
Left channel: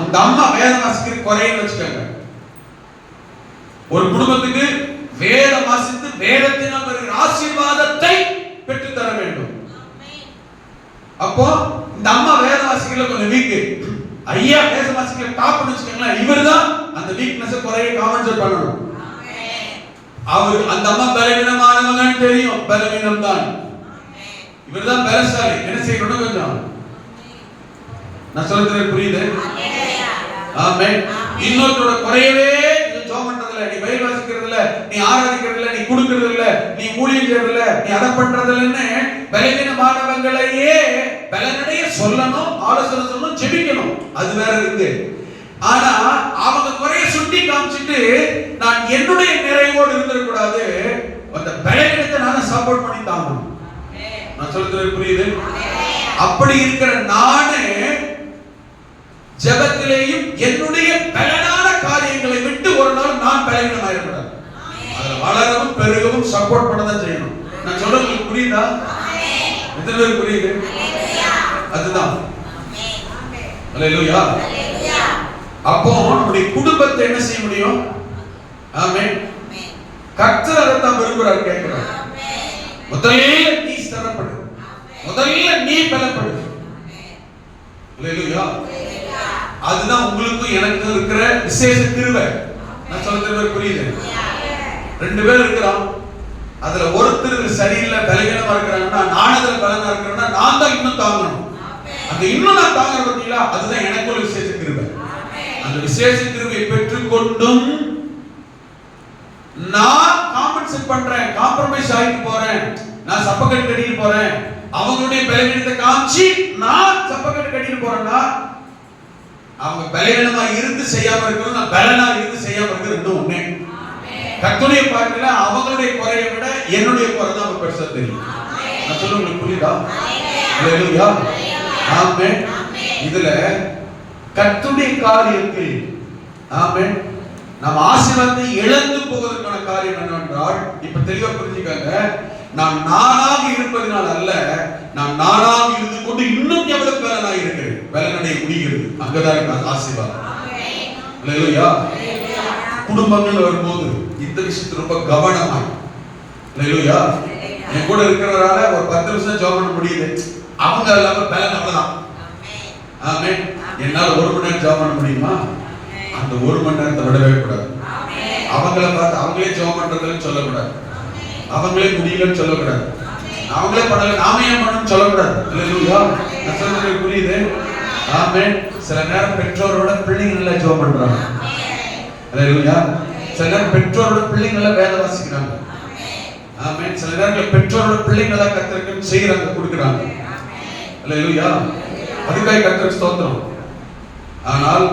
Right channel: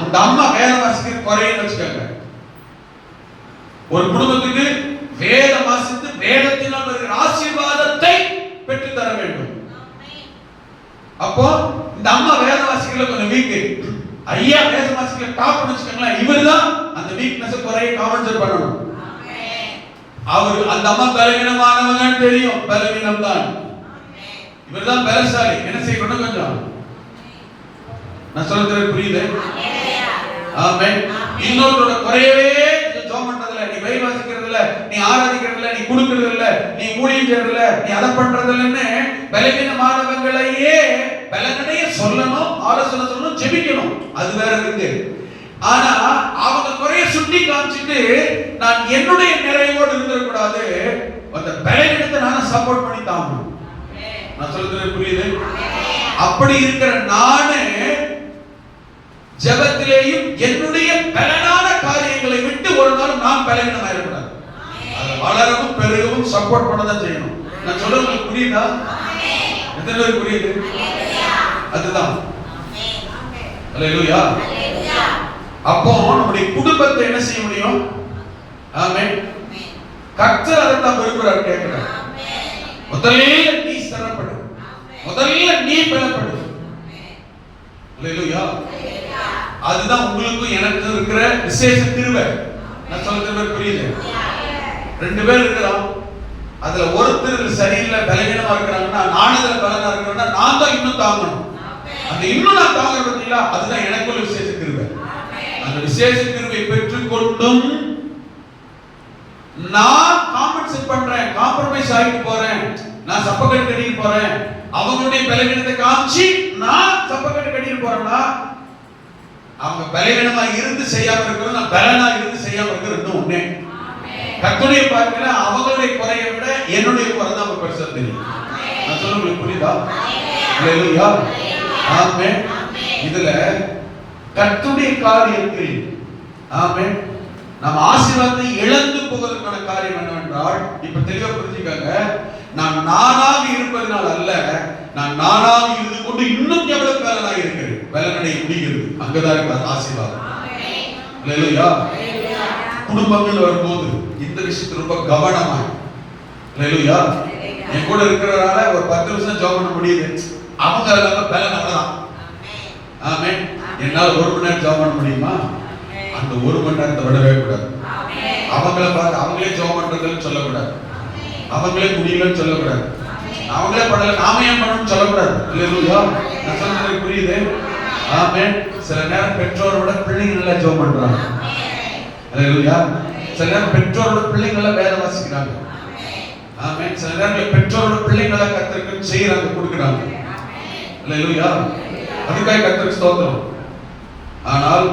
இந்த அம்மா வேத வாசிக்கிற குறைன்னு வச்சுக்கோங்க. ஒரு குடும்பத்துக்கு வேத வாசித்து வேதத்தினால் வருகிற ஆசீர்வாதத்தை பெற்று தர வேண்டும். அப்போ இந்த அம்மா வேத வாசிக்கல கொஞ்சம் வீக், ஐயா வேத வாசிக்கல டாப்னு வச்சுக்கோங்களேன், இவர்தான் அந்த வீக்னஸ் குறைய காம்பன்சேட் பண்ணணும். அவர் அந்த அம்மா பலவீனமானவங்கன்னு தெரியும், பலவீனம் தான், இவர்தான் பலசாலி. என்ன செய்யணும்? கொஞ்சம் நான் சொல்றது புரியுது? ஆமென். இன்னொருத்தரோட குறையவே ஜெபம் பண்றதில்ல, நீ பைபிள் வாசிக்கிறதில்ல, நீ ஆராதிக்கிறதில்ல, நீ கொடுக்கிறதில்ல, நீ ஊழியம் செய்யறதில்ல, நீ அதை பண்றதில்லன்னு பலவீனமானவங்களையே பலனடைய சொல்லணும், ஆலோசனை சொல்லணும், ஜெபிக்கணும், அது வேற இருக்கு. ஆனா அவங்க குறைய சுட்டி காமிச்சிட்டு நான் என்னுடைய நிறைவோடு இருந்திடக்கூடாது, அந்த பலவீனத்தை நான் சப்போர்ட் பண்ணி தாங்கணும். நான் சொல்றது புரியுது? அப்படி இருக்கிற நானு ஜெபத்திலேயும் என்னுடைய பலனான காரியங்களை விட்டு ஒரு நாள் நான் பலவீனமா இருக்கக்கூடாது. அதை வளரவும் பெருகவும் சப்போர்ட் பண்ணதான் செய்யணும். நான் சொல்றது புரியுதா? எத்தனை பேருக்கு புரியுது? அதுதான். அல்லேலூயா. அப்போ நம்முடைய குடும்பத்தை என்ன செய்ய முடியும்? ஆமென். கர்த்தர் அதைத்தான் விரும்புகிறார், கேட்கிறார். முதல்ல நீ ஸ்திரப்படு, முதல்ல நீ பலப்படு. அல்லேலூயா. அதுதான் உங்களுக்கு எனக்கு இருக்கிற விசேஷ கிருபை. நான் சொல்றது புரியுது? 2 பேர் இருக்கிறோம், அதுல ஒருத்தர் சரியில்லை பலவீனமா இருக்கிறாங்கன்னா, நான் அதுல பலனா இருக்கிறேன்னா நான் தான் இன்னும் தாங்கணும். அந்த இன்னும் நான் தாங்க பார்த்தீங்களா, அதுதான் எனக்கு ஒரு விசேஷ கிருபை. அந்த விசேஷ கிருபை பெற்றுக்கொண்டும் நான் காம்பன்சேட் பண்றேன், காம்ப்ரமைஸ் ஆகிட்டு போறேன், நான் சப்பக்கட்டு கட்டிட்டு போறேன், அவங்களுடைய பலவீனத்தை காமிச்சு நான் சப்பக்கட்டு கட்டிட்டு போறேன்னா, அவங்க பலவீனமா இருந்து செய்யாம இருக்கணும், நான் பலனா இருந்து செய்யாம இருக்கிறது ரெண்டும் ஒண்ணே. கர்த்தருடைய பார்வையில அவங்களுடைய குறையை விட என்னுடைய குறை தான் அவங்க பெருசா தெரியும். நான் சொல்ல உங்களுக்கு புரியுதா? அல்லேலூயா, ஆமென். இதுல கர்த்தருடைய காரியத்தில் ஆமென் நம்ம ஆசீர்வாதத்தை இழந்து போவதற்கான காரியம் என்னவென்றால், இப்ப தெளிவா புரிஞ்சுக்கங்க, நான் நானாக இருப்பதனால் அல்ல, நான் நானாக இருந்து கொண்டு இன்னும் எவ்வளவு பலனாக இருக்கிறேன், பலனடைய முடிகிறது. அங்கதான் இருக்கு ஆசீர்வாதம். அல்லேலூயா. குடும்பங்கள் வரும்போது இந்த விஷயத்துல ரொம்ப கவனமாய், அல்லேலூயா, என் கூட இருக்கிறவரால ஒரு 10 நிமிஷம் ஜெபம் பண்ண முடியுது, அவங்க இல்லாம பலன் அவ்வளவுதான். ஆமென். என்னால 1 மணி நேரம் ஜெபம் பண்ண முடியுமா? அந்த 1 மணி நேரத்தை விடவே கூடாது. அவங்கள பார்த்து அவங்களே ஜெபம் பண்றதுன்னு சொல்லக்கூடாது, அவங்களே முடியலன்னு சொல்லக்கூடாது, அவங்களே பண்ணல நாம ஏன் பண்ணணும்னு சொல்லக்கூடாது. அல்லேலூயா. நான் சொல்றது புரியுது? ஆமென். சில நேரம் பெற்றோரோட பிள்ளைங்க நல்லா ஜெபம் பண்றாங்க. அல்லேலூயா. சில நேரம் பெற்றோரோட பிள்ளைங்க நல்லா வேத வாசிக்கிறாங்க. ஆமென். சில நேரம் பெற்றோரோட பிள்ளைங்க நல்லா கர்த்தருக்கு செய்யறாங்க, கொடுக்குறாங்க. அல்லேலூயா. அதுக்காக கர்த்தருக்கு ஸ்தோத்திரம். ஆனால்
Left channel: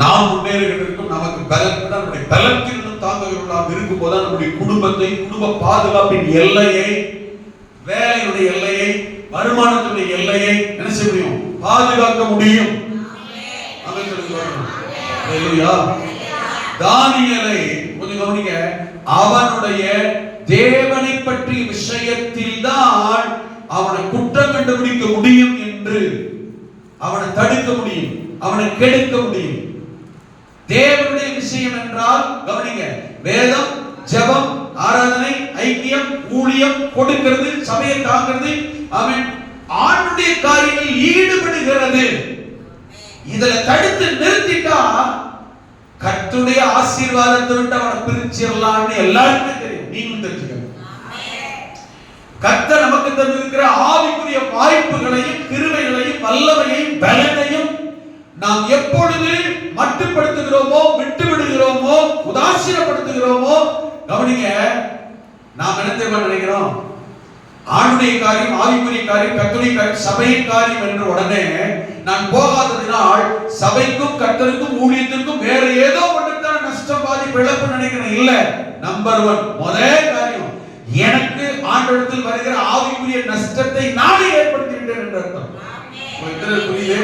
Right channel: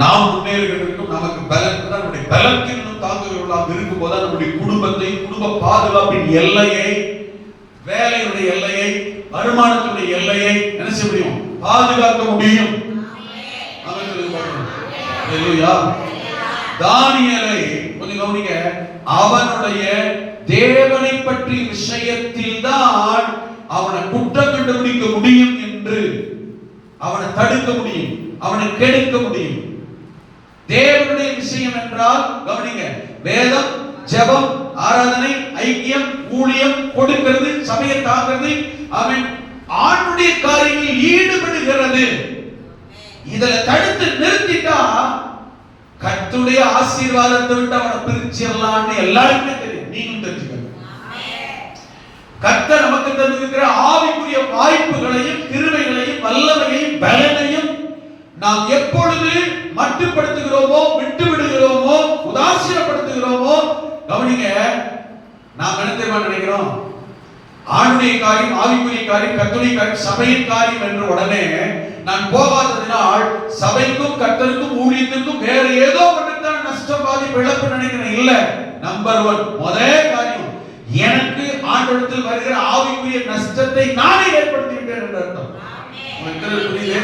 நாம் முன்னேறுவதற்கும் நமக்கு பலன், நம்முடைய பலத்தில் தாங்குகிறவர்களாக இருக்கும் போது நம்முடைய குடும்பத்தை, குடும்ப பாதுகாப்பின் எல்லையை, வேலையுடைய எல்லையை, வருமானத்துடைய எல்லையை என்ன செய்ய முடியும்? பாதுகாக்க முடியும். தானியேலை கொஞ்சம் கவனிங்க. அவனுடைய தேவனை பற்றிய விஷயத்தில் தான் அவனை குற்றம் கண்டுபிடிக்க முடியும் என்று, அவனை தடுக்க முடியும், அவனை கெடுக்க முடியும். தேவனுடைய விஷயம் என்றால் கவனிங்க, வேதம், ஜெபம், ஆராதனை, ஐக்கியம், ஊழியம், கொடுக்கிறது, சபையை காக்கிறது, அவன் ஆண்டுடைய காரியங்களில் ஈடுபடுகிறது. இதுல தடுத்து நிறுத்திட்டா கர்த்தருடைய ஆசீர்வாதத்தை விட்டு அவனை பிரிச்சிடலாம்னு எல்லாருமே தெரியும். நீங்களும் தெரிஞ்சுக்கணும். கர்த்தர் நமக்கு தந்திருக்கிற ஆவிக்குரிய வாய்ப்புகளையும், கிருபைகளையும், வல்லமையையும், பலனையும் நாம் எப்பொழுது மட்டுப்படுத்துகிறோமோ, விட்டு விடுகிறோமோ, உதாசீனப்படுத்துகிறோமோ, கவனிங்க, நாம் என்ன தெரியுமா நினைக்கிறோம்? ஆண்டுடைய காரியம், ஆவிக்குரிய காரியம், கர்த்தருடைய காரியம், சபையின் காரியம் என்று உடனே நான் போகாததினால் சபைக்கும் கர்த்தருக்கும் ஊழியத்திற்கும் வேற ஏதோ ஒன்றுதான் நஷ்டம், பாதிப்பு, இழப்பு நினைக்கிறேன். இல்ல, நம்பர் 1 முதல் காரியம், எனக்கு ஆண்டவரிடத்தில் வருகிற ஆவிக்குரிய நஷ்டத்தை நானே ஏற்படுத்தி விட்டேன் என்று அர்த்தம். புரியுது?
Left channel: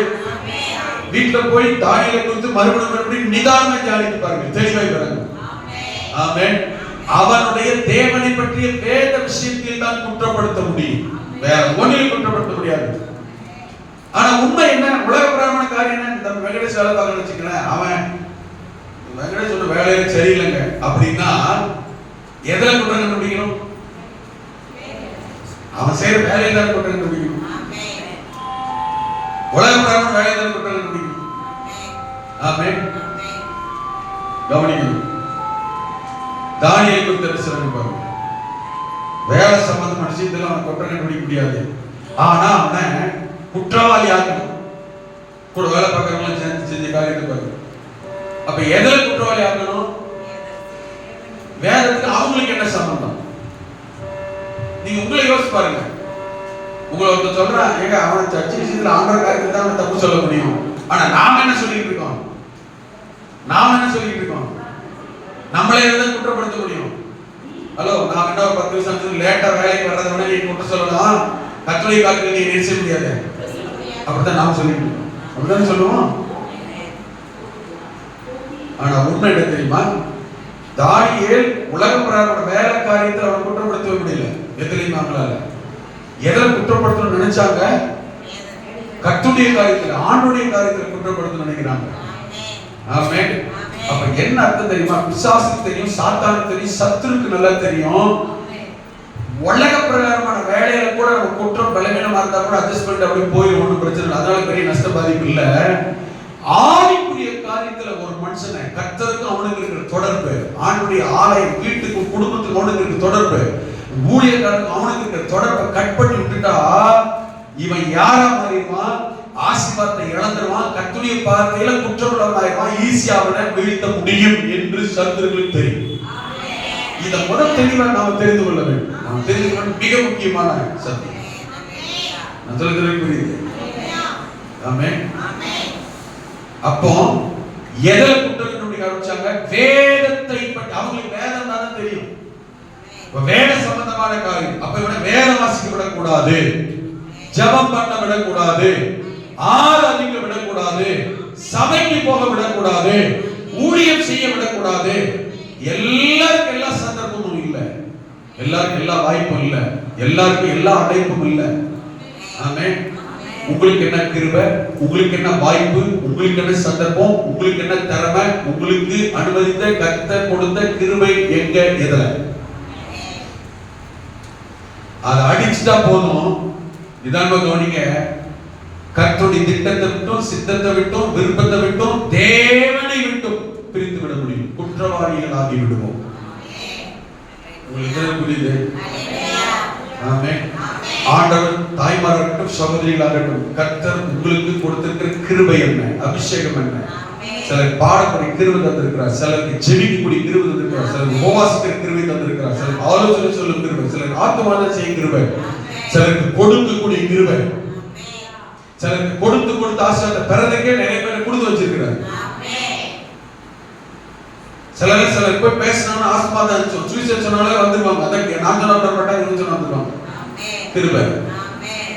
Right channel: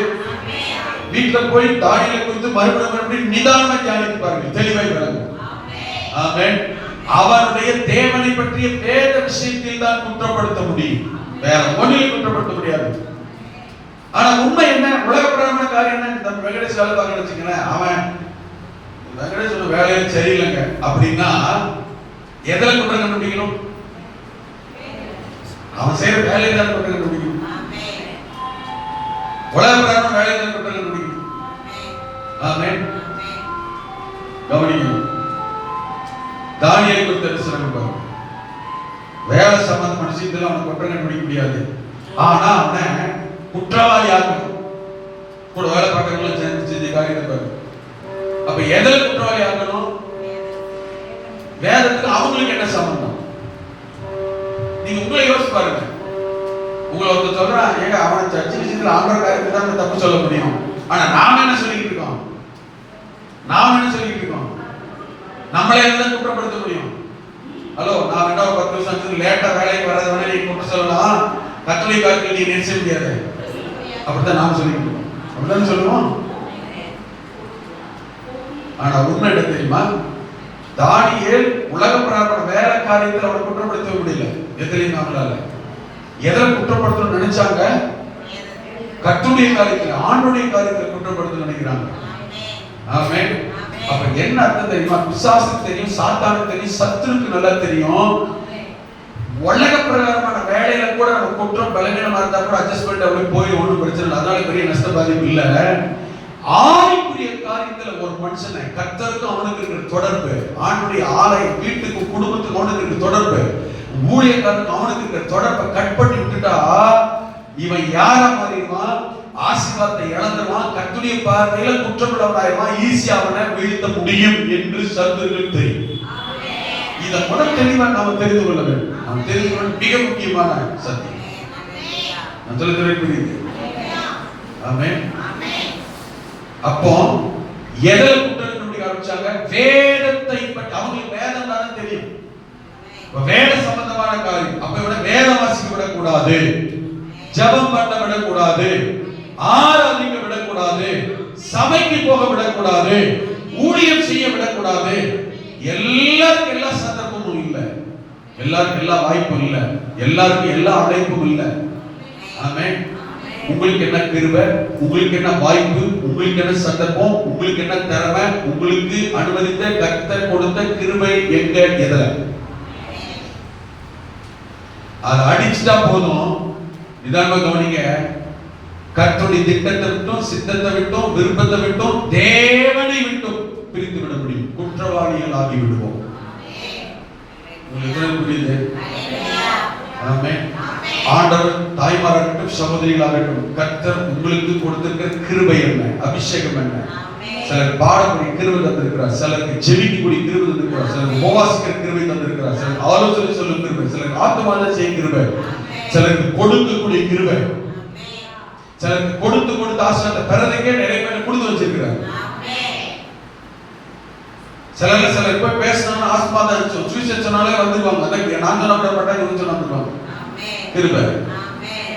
வீட்டுல போய் தானியேலை குறித்து மறுபடியும் நிதானமா தியானித்து பாருங்க, தெளிவாய் வராங்க. ஆமென். அவனுடைய தேவனை பற்றிய வேத விஷயத்தில் தான் குற்றப்படுத்த முடியும், வேற ஒன்றில் குற்றப்படுத்த முடியாது. ஆனா உண்மை என்ன? உலக பிரகாரமான காரியம் என்ன? இந்த வெங்கடேஷ் வேலை பார்க்கணும்னு வச்சுக்கோங்களேன், அவன் வெங்கடேஷோட வேலையில சரியில்லைங்க அப்படின்னா எதில் குற்றம் கண்டுபிடிக்கணும்? அவன் செய்யற வேலையை தான் குற்றம் கண்டுபிடிக்கணும். உலக பிரகாரமான வேலையை தான் குற்றம் கண்டுபிடிக்கணும். ஆமென். கவனிக்கணும். தானியேலை குறித்த தரிசனம் பாருங்க. வேலை சம்பந்தமான விஷயத்துல அவன் குற்றம் கண்டுபிடிக்க முடியாது. ஆனா அவனை குற்றவாளி ஆக்கணும். கூட வேலை பார்க்கறவங்களும் செஞ்ச காரியத்தை பாருங்க. அப்ப எதில குற்றவாளி ஆக்கணும்? வேதத்துக்கு அவங்களுக்கு என்ன சம்பந்தம்? நீங்க உங்களை யோசிச்சு பாருங்க. உங்களை ஒருத்தர் சொல்றான், ஏங்க அவன் சர்ச்சை விஷயத்துல ஆண்டவர் காரியத்தை தான் தப்பு சொல்ல முடியும். ஆனா நாம என்ன சொல்லிட்டு இருக்கோம்? நம்மளே தான் குற்றப்படுத்த முடியும். ஹலோ, நான் என்ன 10 வருஷம் லேட்டா வேலைக்கு வராத நீ குற்றம் சொல்லலாம், கட்டளை காரியத்தில் நீ நினைச்ச முடியாது. அப்படித்தான் நாம் சொல்லிட்டு இருக்கோம். அப்படித்தான் சொல்லுவோம். ஆனா உண்மை என்ன தெரியுமா? தானியேல் உலக பிரகாரமான வேலை காரியத்தில் அவனை குற்றப்படுத்தவே முடியல. எத்தனையும் அவங்களால எதில் குற்றப்படுத்தணும்னு நினைச்சாங்க? கர்த்தருடைய காரியத்தில், ஆண்டுடைய காரியத்தில் குற்றப்படுத்தணும்னு நினைக்கிறாங்க. ஆமென். அப்ப என்ன அர்த்தம் தெரியுமா? பிசாசுக்கு தெரியும், சாத்தானுக்கு தெரியும், சத்துருக்கு நல்லா தெரியும். உலக பிரகாரமான வேலையில கூட நம்ம குற்றம் பலவீனமா இருந்தா கூட அட்ஜஸ்ட் பண்ணிட்டு அப்படி போய் ஒன்றும் பிரச்சனை இல்லை, அதனால பெரிய நஷ்ட பாதிப்பு இல்ல. ஆவிக்குரிய காரியத்துல ஒரு மனுஷனை கர்த்தருக்கும் அவனுக்கு இருக்கிற தொடர்பு, ஆண்டுடைய ஆலயம், வீட்டுக்கு, குடும்பத்துக்கு அவனுக்கு இருக்கிற தொடர்பு, ஊழியக்காரனுக்கு அவனுக்கு இருக்கிற தொடர்பை கட் பண்ணி விட்டுட்டா இவன் யாரா மாறிடுமா? ஆசீர்வாதத்தை இழந்துருவான், கர்த்தருடைய பார்வையில குற்றமுள்ளவனாயிருவான், ஈஸியா அவனை வீழ்த்த முடியும் என்று சத்துருக்களுக்கு தெரியும். இதை முதல் தெளிவா நாம் தெரிந்து கொள்ள வேண்டும். நாம் தெரிந்து கொள்ள மிக முக்கியமான சத்தியம். நான் சொல்லுகிறேன், புரியுது? ஆமென். அப்போ எதை குற்றம் கண்டுபிடிக்க ஆரம்பிச்சாங்க? வேதத்தை பற்றி. அவங்களுக்கு வேதம் தான் தெரியும், வேத சம்பந்தமான காரியம். அப்ப இவனை வேத வாசிக்க விடக்கூடாது, ஜெபம் பண்ண விடக்கூடாது, ஆராதிக்க விடக்கூடாது, சபைக்கு போக விடக்கூடாது, ஊழியம் செய்ய விடக்கூடாது. எல்லாருக்கும் எல்லா சந்தர்ப்பமும் இல்லை. எல்லாருக்கும் எல்லா வாய்ப்பும் இல்ல, எல்லாருக்கும் எல்லா அழைப்பும் இல்ல. ஆமென். உங்களுக்கு என்ன கிருபை, உங்களுக்கு என்ன வாய்ப்பு, உங்களுக்கு என்ன சந்தர்ப்பம், உங்களுக்கு என்ன திறமை, உங்களுக்கு அனுமதித்த கர்த்தர் கொடுத்த கிருபை எங்க, எதுல? அதை அடிச்சுட்டா போதும். இதான் கவனிங்க, கர்த்தருடைய திட்டத்தை விட்டும், சித்தத்தை விட்டும், விருப்பத்தை விட்டும், தேவனை விட்டும் பிரித்து விட முடியும். குற்றவாளிகள் ஆகி விடுவோம். உங்களுக்கு புரியுது? ஆமென். ஆண்டவர் தாய்மாராகட்டும், சகோதரிகளாகட்டும், கர்த்தர் உங்களுக்கு கொடுத்திருக்கிற கிருபை என்ன, அபிஷேகம் என்ன? சிலர் பாடக்கூடிய கிருபை தந்திருக்கிறார், சிலருக்கு ஜெபிக்கக்கூடிய கிருபை தந்திருக்கிறார், சிலருக்கு உபவாசிக்கிற கிருபை தந்திருக்கிறார், சிலருக்கு ஆலோசனை சொல்லும் கிருபை, சிலருக்கு ஆத்துமாதம் செய்யும் கிருபை, சிலருக்கு கொடுக்கக்கூடிய கிருபை, சிலருக்கு கொடுத்து ஆசீர்வாதத்தை பெறதுக்கே நிறைய பேர் கொடுத்து வச்சிருக்கிறார். சிலர் போய் பேசணும்னு ஆசீர்வாதம் இருந்துச்சு, சுவிசேஷம் சொன்னாலே வந்துருவாங்க. அதற்கு நான் சொன்ன மாட்டேன், இவங்க சொன்ன வந்துருவாங்க. கிருபை.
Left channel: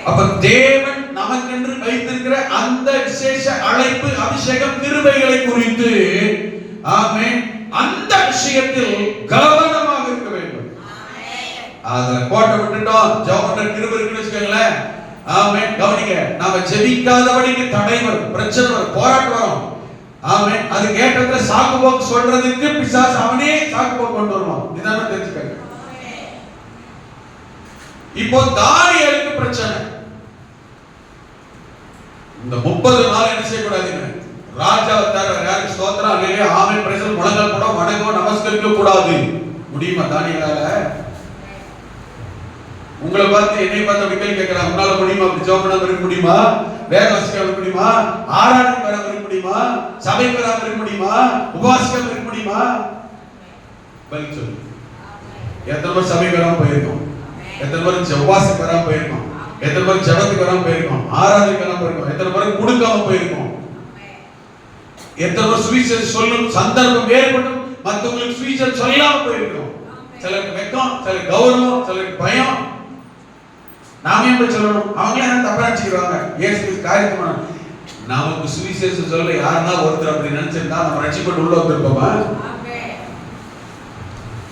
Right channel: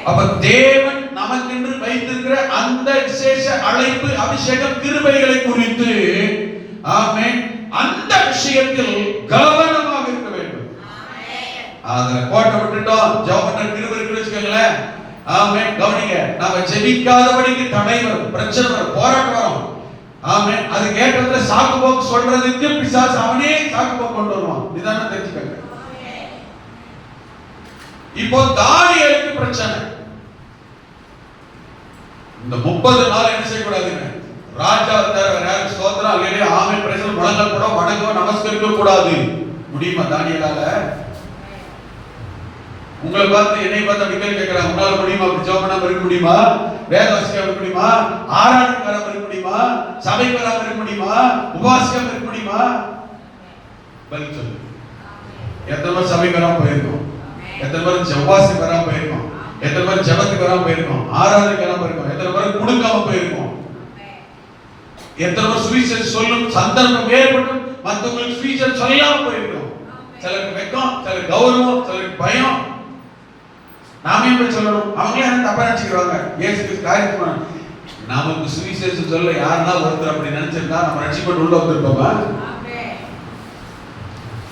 அப்ப தேவன் நமக்கென்று வைத்திருக்கிற அந்த விசேஷ அழைப்பு, அபிஷேகம், கிருபைகளை குறித்து ஆமென், அந்த விஷயத்தில் கவனமாக இருக்க வேண்டும். அத கோட்டை விட்டுட்டோம், ஜெபம் பண்ண கிருபை இருக்குன்னு வச்சுக்கோங்களேன். ஆமென். கவனிங்க, நாம ஜெபிக்காதபடிக்கு தடை வரும், பிரச்சனை வரும், போராட்டம் வரும். ஆமென். அது கேட்டதுல சாக்கு போக்கு சொல்றதுக்கு பிசாசு அவனே சாக்கு போக்கு கொண்டு வருவான். இதான தெரிஞ்சுக்கங்க. இப்போ தானியேலுக்கு பிரச்சனை. இந்த 30 நாள் என்ன செய்யக்கூடாதுங்க, ராஜாவை தவிர யாரும் ஸ்தோத்திரம் அல்லேலூயா ஆமென் பிரேசல் வணங்க கூட வணங்க நமஸ்கரிக்க கூடாது. முடியுமா தானியேலால? உங்களை பார்த்து என்னை பார்த்து அப்படி கேள்வி கேட்கிறாங்க, உங்களால முடியுமா? அப்படி ஜெபம் பண்ணாம இருக்க முடியுமா? வேத வாசிக்காம இருக்க முடியுமா? ஆராதனை பண்ணாம இருக்க முடியுமா? சபை வராம இருக்க முடியுமா? உபவாசிக்காம இருக்க முடியுமா? பதில் சொல்லு. எத்தனை பேர் சபை வராம போயிருக்கோம்? எத்தனை பேர் உபவாசம் வராம போயிருக்கோம்? எத்தனை பேர் ஜெபத்துக்கு வராம போயிருக்கோம்? ஆராதனைக்கு வராம போயிருக்கோம்? எத்தனை பேர் கொடுக்காம போயிருக்கோம்? எத்தனை பேர் சுவிசேஷம் சொல்லும் சந்தர்ப்பம் ஏற்பட்டு மற்றவங்களுக்கு சுவிசேஷம் சொல்லாம போயிருக்கோம்? சிலருக்கு வெக்கம், சிலருக்கு கௌரவம், சிலருக்கு பயம். நாமே போய் சொல்லணும், அவங்களே என்ன தப்பா நினைச்சுக்கிறாங்க. இயேசு காரியமா நமக்கு சுவிசேஷம் சொல்ல யாருன்னா ஒருத்தர் அப்படி நினைச்சிருந்தா நம்ம ரட்சிக்கப்பட்டு உள்ள வந்திருப்போமா?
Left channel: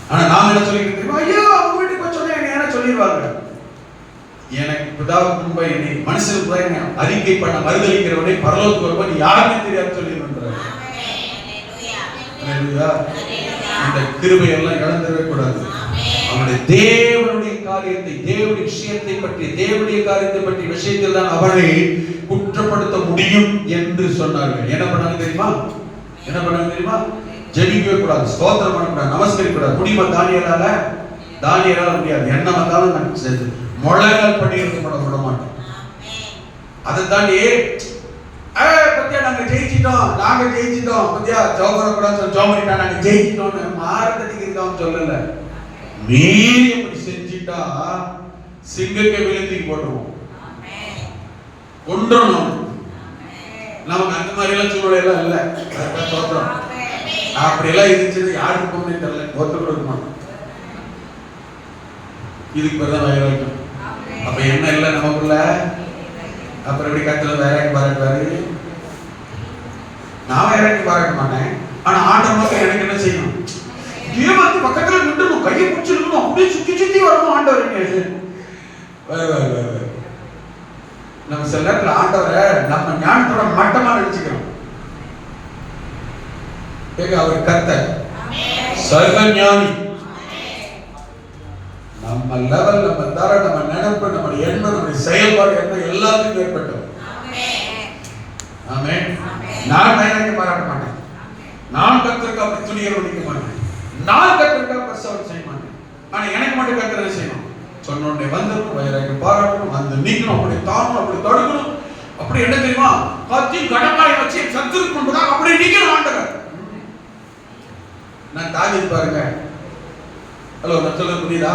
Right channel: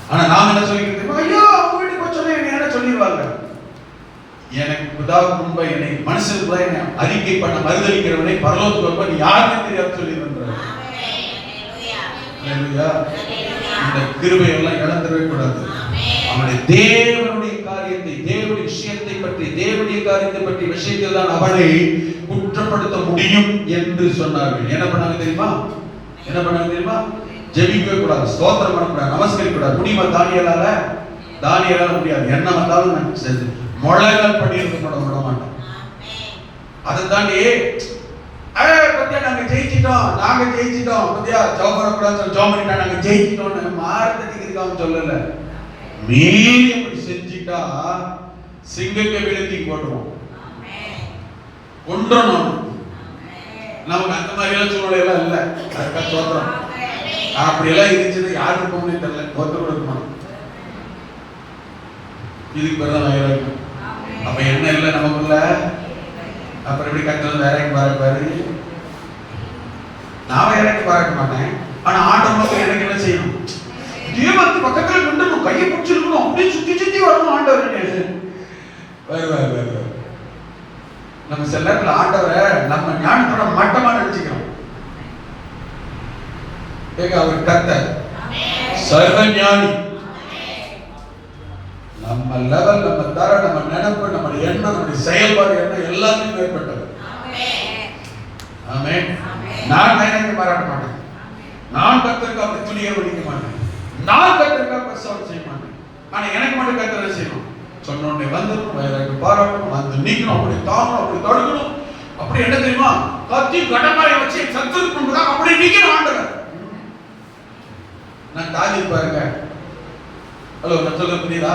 ஆனா நாம என்ன சொல்லிக்கிட்டு, ஐயோ அவங்க வீட்டுக்கு போய் சொன்ன என்ன சொல்லிடுவாங்க. எனக்கு பிதாவுக்கு முன்பா என்னை மனுஷனுக்கு கூட என்ன அறிக்கை பண்ண மறுதளிக்கிறவனை பரலோகத்துக்கு வருவான் யாருன்னு தெரியாது சொல்லிடுறாங்க. இந்த கிருபையெல்லாம் இழந்துடவே கூடாது. அவனுடைய தேவனுடைய காரியத்தை, தேவனுடைய விஷயத்தை பற்றி, தேவனுடைய காரியத்தை பற்றி விஷயத்தில் தான் அவனை குற்றப்படுத்த முடியும் என்று சொன்னார்கள். என்ன பண்ணாங்க தெரியுமா? என்ன பண்ணாங்க தெரியுமா? ஜெபிக்கவே கூடாது, ஸ்தோத்திரம் பண்ணக்கூடாது, நமஸ்கரிக்க கூடாது. முடியுமா தானியேலால? தானியேலால முடியாது. என்ன வந்தாலும் நான் முழங்கால் படி இருக்க விட மாட்டேன். அதை தாண்டி பத்தியா நாங்க ஜெயிச்சிட்டோம், நாங்க ஜெயிச்சிட்டோம், பத்தியா ஜோபரக்கூடாது ஜோமரிட்டா நாங்க ஜெயிச்சிட்டோம் மாறத்துக்கு இருக்கான்னு சொல்லல. நீ அப்படி செஞ்சிட்டா சிங்கத்தை வெளியேற்றி போட்டுருவோம், கொன்றணும். நமக்கு அந்த மாதிரி எல்லாம் சூழ்நிலை எல்லாம் இல்ல. அப்படி எல்லாம் இருந்துச்சு, யாருக்கு போகணும்னு தெரியல, ஒருத்தர் இருக்குமா? இதுக்கு பிறகு வைராக்கியம். அப்ப என்ன இல்லை நமக்குள்ள? அப்புறம் எப்படி கத்துல வேலைக்கு பாராட்டுவாரு? நான் வேலைக்கு பாராட்ட மாட்டேன், ஆனா ஆண்டவர் எனக்கு என்ன செய்யணும்? தேவனுக்கு பக்கத்துல நின்று கையை பிடிச்சிருக்கணும், அப்படியே சுத்தி சுத்தி வரணும் ஆண்டவர். நம்ம சில நேரத்தில் ஆண்டவரை நம்ம ஞானத்தோட மட்டமா நினைச்சுக்கிறோம். அவர் கர்த்தர், சர்வ ஞானி. நம்ம லெவல், நம்ம தர, நம்ம நினைப்பு, நம்ம எண்ணம், நம்ம செயல்பாடு என்ன எல்லாத்தையும் ஏற்பட்டது. ஆமென். நான் பயணத்தை பாராட்ட மாட்டேன், நான் கர்த்தருக்கு அப்படி துணியர் ஒழிக்க மாட்டேன், நான் கர்த்தருக்கு பிரசவம் செய்ய மாட்டேன். ஆனா எனக்கு மட்டும் கர்த்தரை செய்யணும். சொன்னோடனே வந்து வைராக்கியம் பாராட்டணும், வந்து நீக்கணும், அப்படி தாங்கணும், அப்படி தடுக்கணும். அப்படி என்ன தெரியுமா? கத்தி கடமாயை வச்சு சத்துருக்கு கொண்டுதான் அப்படி நீக்கணும் ஆண்டவர். நான் தாவீது பாருங்க. ஹலோ, நான் சொல்ல புரியுதா?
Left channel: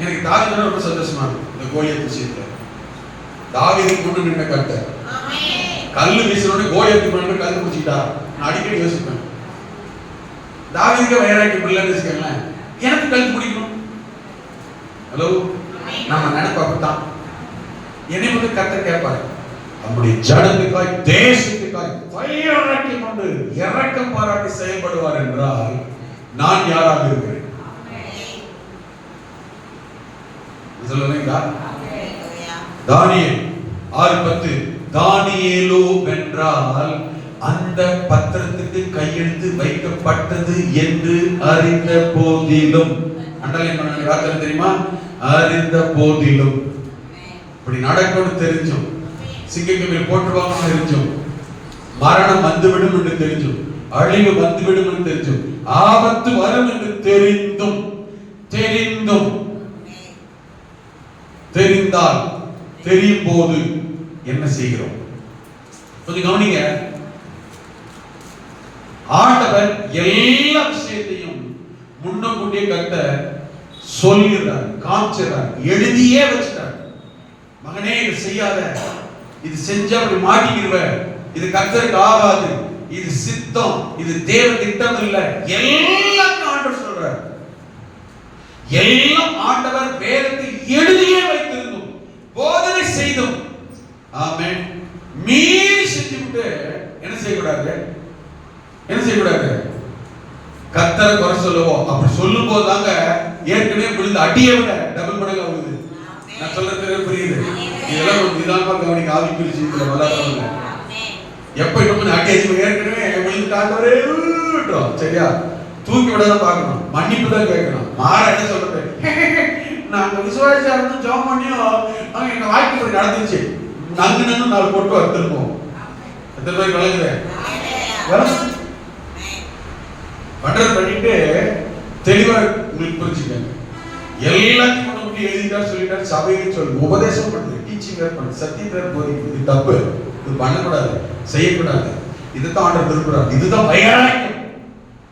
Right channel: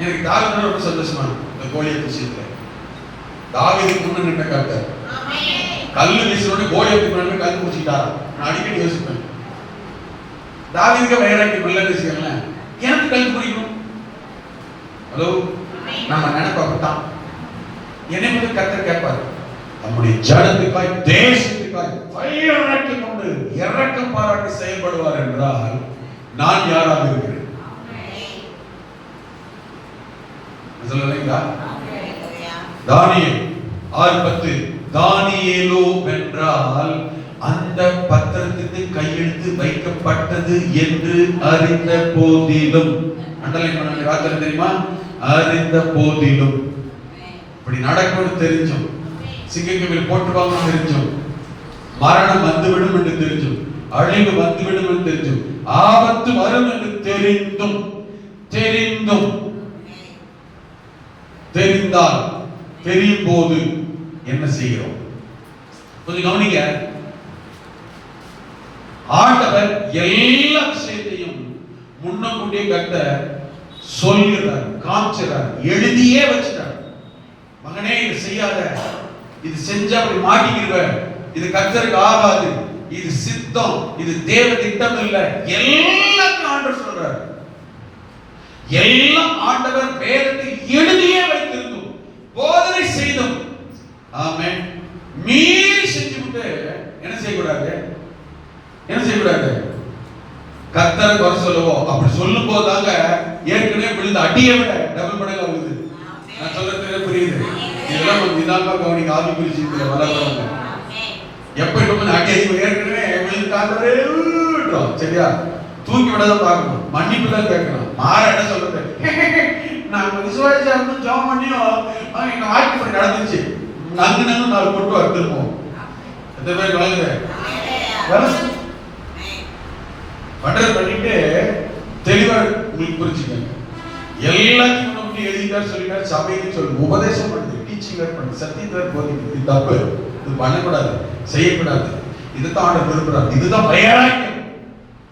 எனக்கு தாவீது ரொம்ப சந்தோஷமா இந்த கோலியத் விஷயத்துல. தாவீது முன்னு நின்ற கர்த்தர் கல்லு வீசினோட கோலியத்துக்கு முன்னாடி கல்லு முடிச்சுட்டார். நான் அடிக்கடி யோசிப்பேன், தாவீதுக்கு வைராக்கியம் இல்லைன்னு வச்சுக்கோங்களேன், எனக்கு கல் பிடிக்கணும். ஹலோ, நம்ம நினைப்ப அப்படித்தான். என்னை மட்டும் கர்த்தர் கேட்பார், நம்முடைய ஜனத்துக்காய், தேசத்துக்காய் வைராக்கியம் கொண்டு இரக்கம் பாராட்டி செயல்படுவார் என்றால் நான் யாராக இருக்கிறேன்? அல்லேலூயா. தானியேல் 6:10 தானியேலோ வென்றால் அந்த பத்திரத்துக்கு கையெழுத்து வைக்கப்பட்டது என்று அறிந்த போதிலும், அண்டர்லைன் பண்ண வார்த்தை தெரியுமா? அறிந்த போதிலும். இப்படி நடக்கும்னு தெரிஞ்சும், சிங்கக்கவியில் போட்டுவாங்க தெரிஞ்சும், மரணம் வந்துவிடும் என்று தெரிஞ்சும், அழிவு வந்துவிடும் என்று தெரிஞ்சும், ஆபத்து வரும் என்று தெரிந்தால் தெரியும் போது என்ன செய்கிறோம்? கொஞ்சம் கவனிங்க. ஆண்டவர் எல்லா விஷயத்தையும் முன்னக்கூட்டியே கர்த்தர் சொல்லுகிறார், காமிச்சார், எழுதியே வச்சுட்டார். மகனே இது செய்யாத, இது செஞ்சா அப்படி மாட்டிக்கிடுவ, இது கர்த்தருக்கு ஆகாது, இது சித்தம், இது தேவ திட்டம் இல்ல, எல்லாம் ஆண்டவர் சொல்றார். எல்லாம் ஆண்டவர் வேதத்தில் எழுதியே வைத்திருந்தோம், போதனை செய்தோம். ஆமென். மீறி செஞ்சுவிட்டு என்ன செய்யக்கூடாது? என்ன செய்யக்கூடாது? கர்த்தரை குறை சொல்லுவோம். அப்படி சொல்லும் போது தாங்க ஏற்கனவே விழுந்து அடியை விட டபுள் மடங்கு ஆகுது. நான் சொல்றது புரியுது? இதெல்லாம் ஒரு நிதானமா கவனிக்க. ஆவிக்குரிய செய்தியில வளர்றவங்க எப்ப இன்னும் அடி ஏற்கனவே விழுந்துட்டாங்களே, சரியா? தூக்கி விடாத பார்க்கணும், மன்னிப்பு தான் கேட்கணும். மாற என்ன சொல்றது? நான் விசுவாசியா இருந்து ஜாம் பண்ணியும் எங்க வாழ்க்கை நடந்துச்சு, நங்கு 4 போட்டு வந்திருப்போம். எத்தனை பேர் கலங்குற பண்றது பண்ணிட்டு தெளிவா உங்களுக்கு புரிஞ்சுக்கங்க. எல்லாத்தையும் முன்னாடி எழுதிட்டார், சொல்லிட்டார், சபைக்கு சொல்லி உபதேசம் பண்ணுது, டீச்சிங் வேற பண்ணுது, சத்தியம் வேற போதிக்குது. இது தப்பு, இது பண்ணக்கூடாது, செய்யக்கூடாது. இதுதான் ஆண்டவர் விரும்புறாரு. இதுதான் வைராக்கியம்.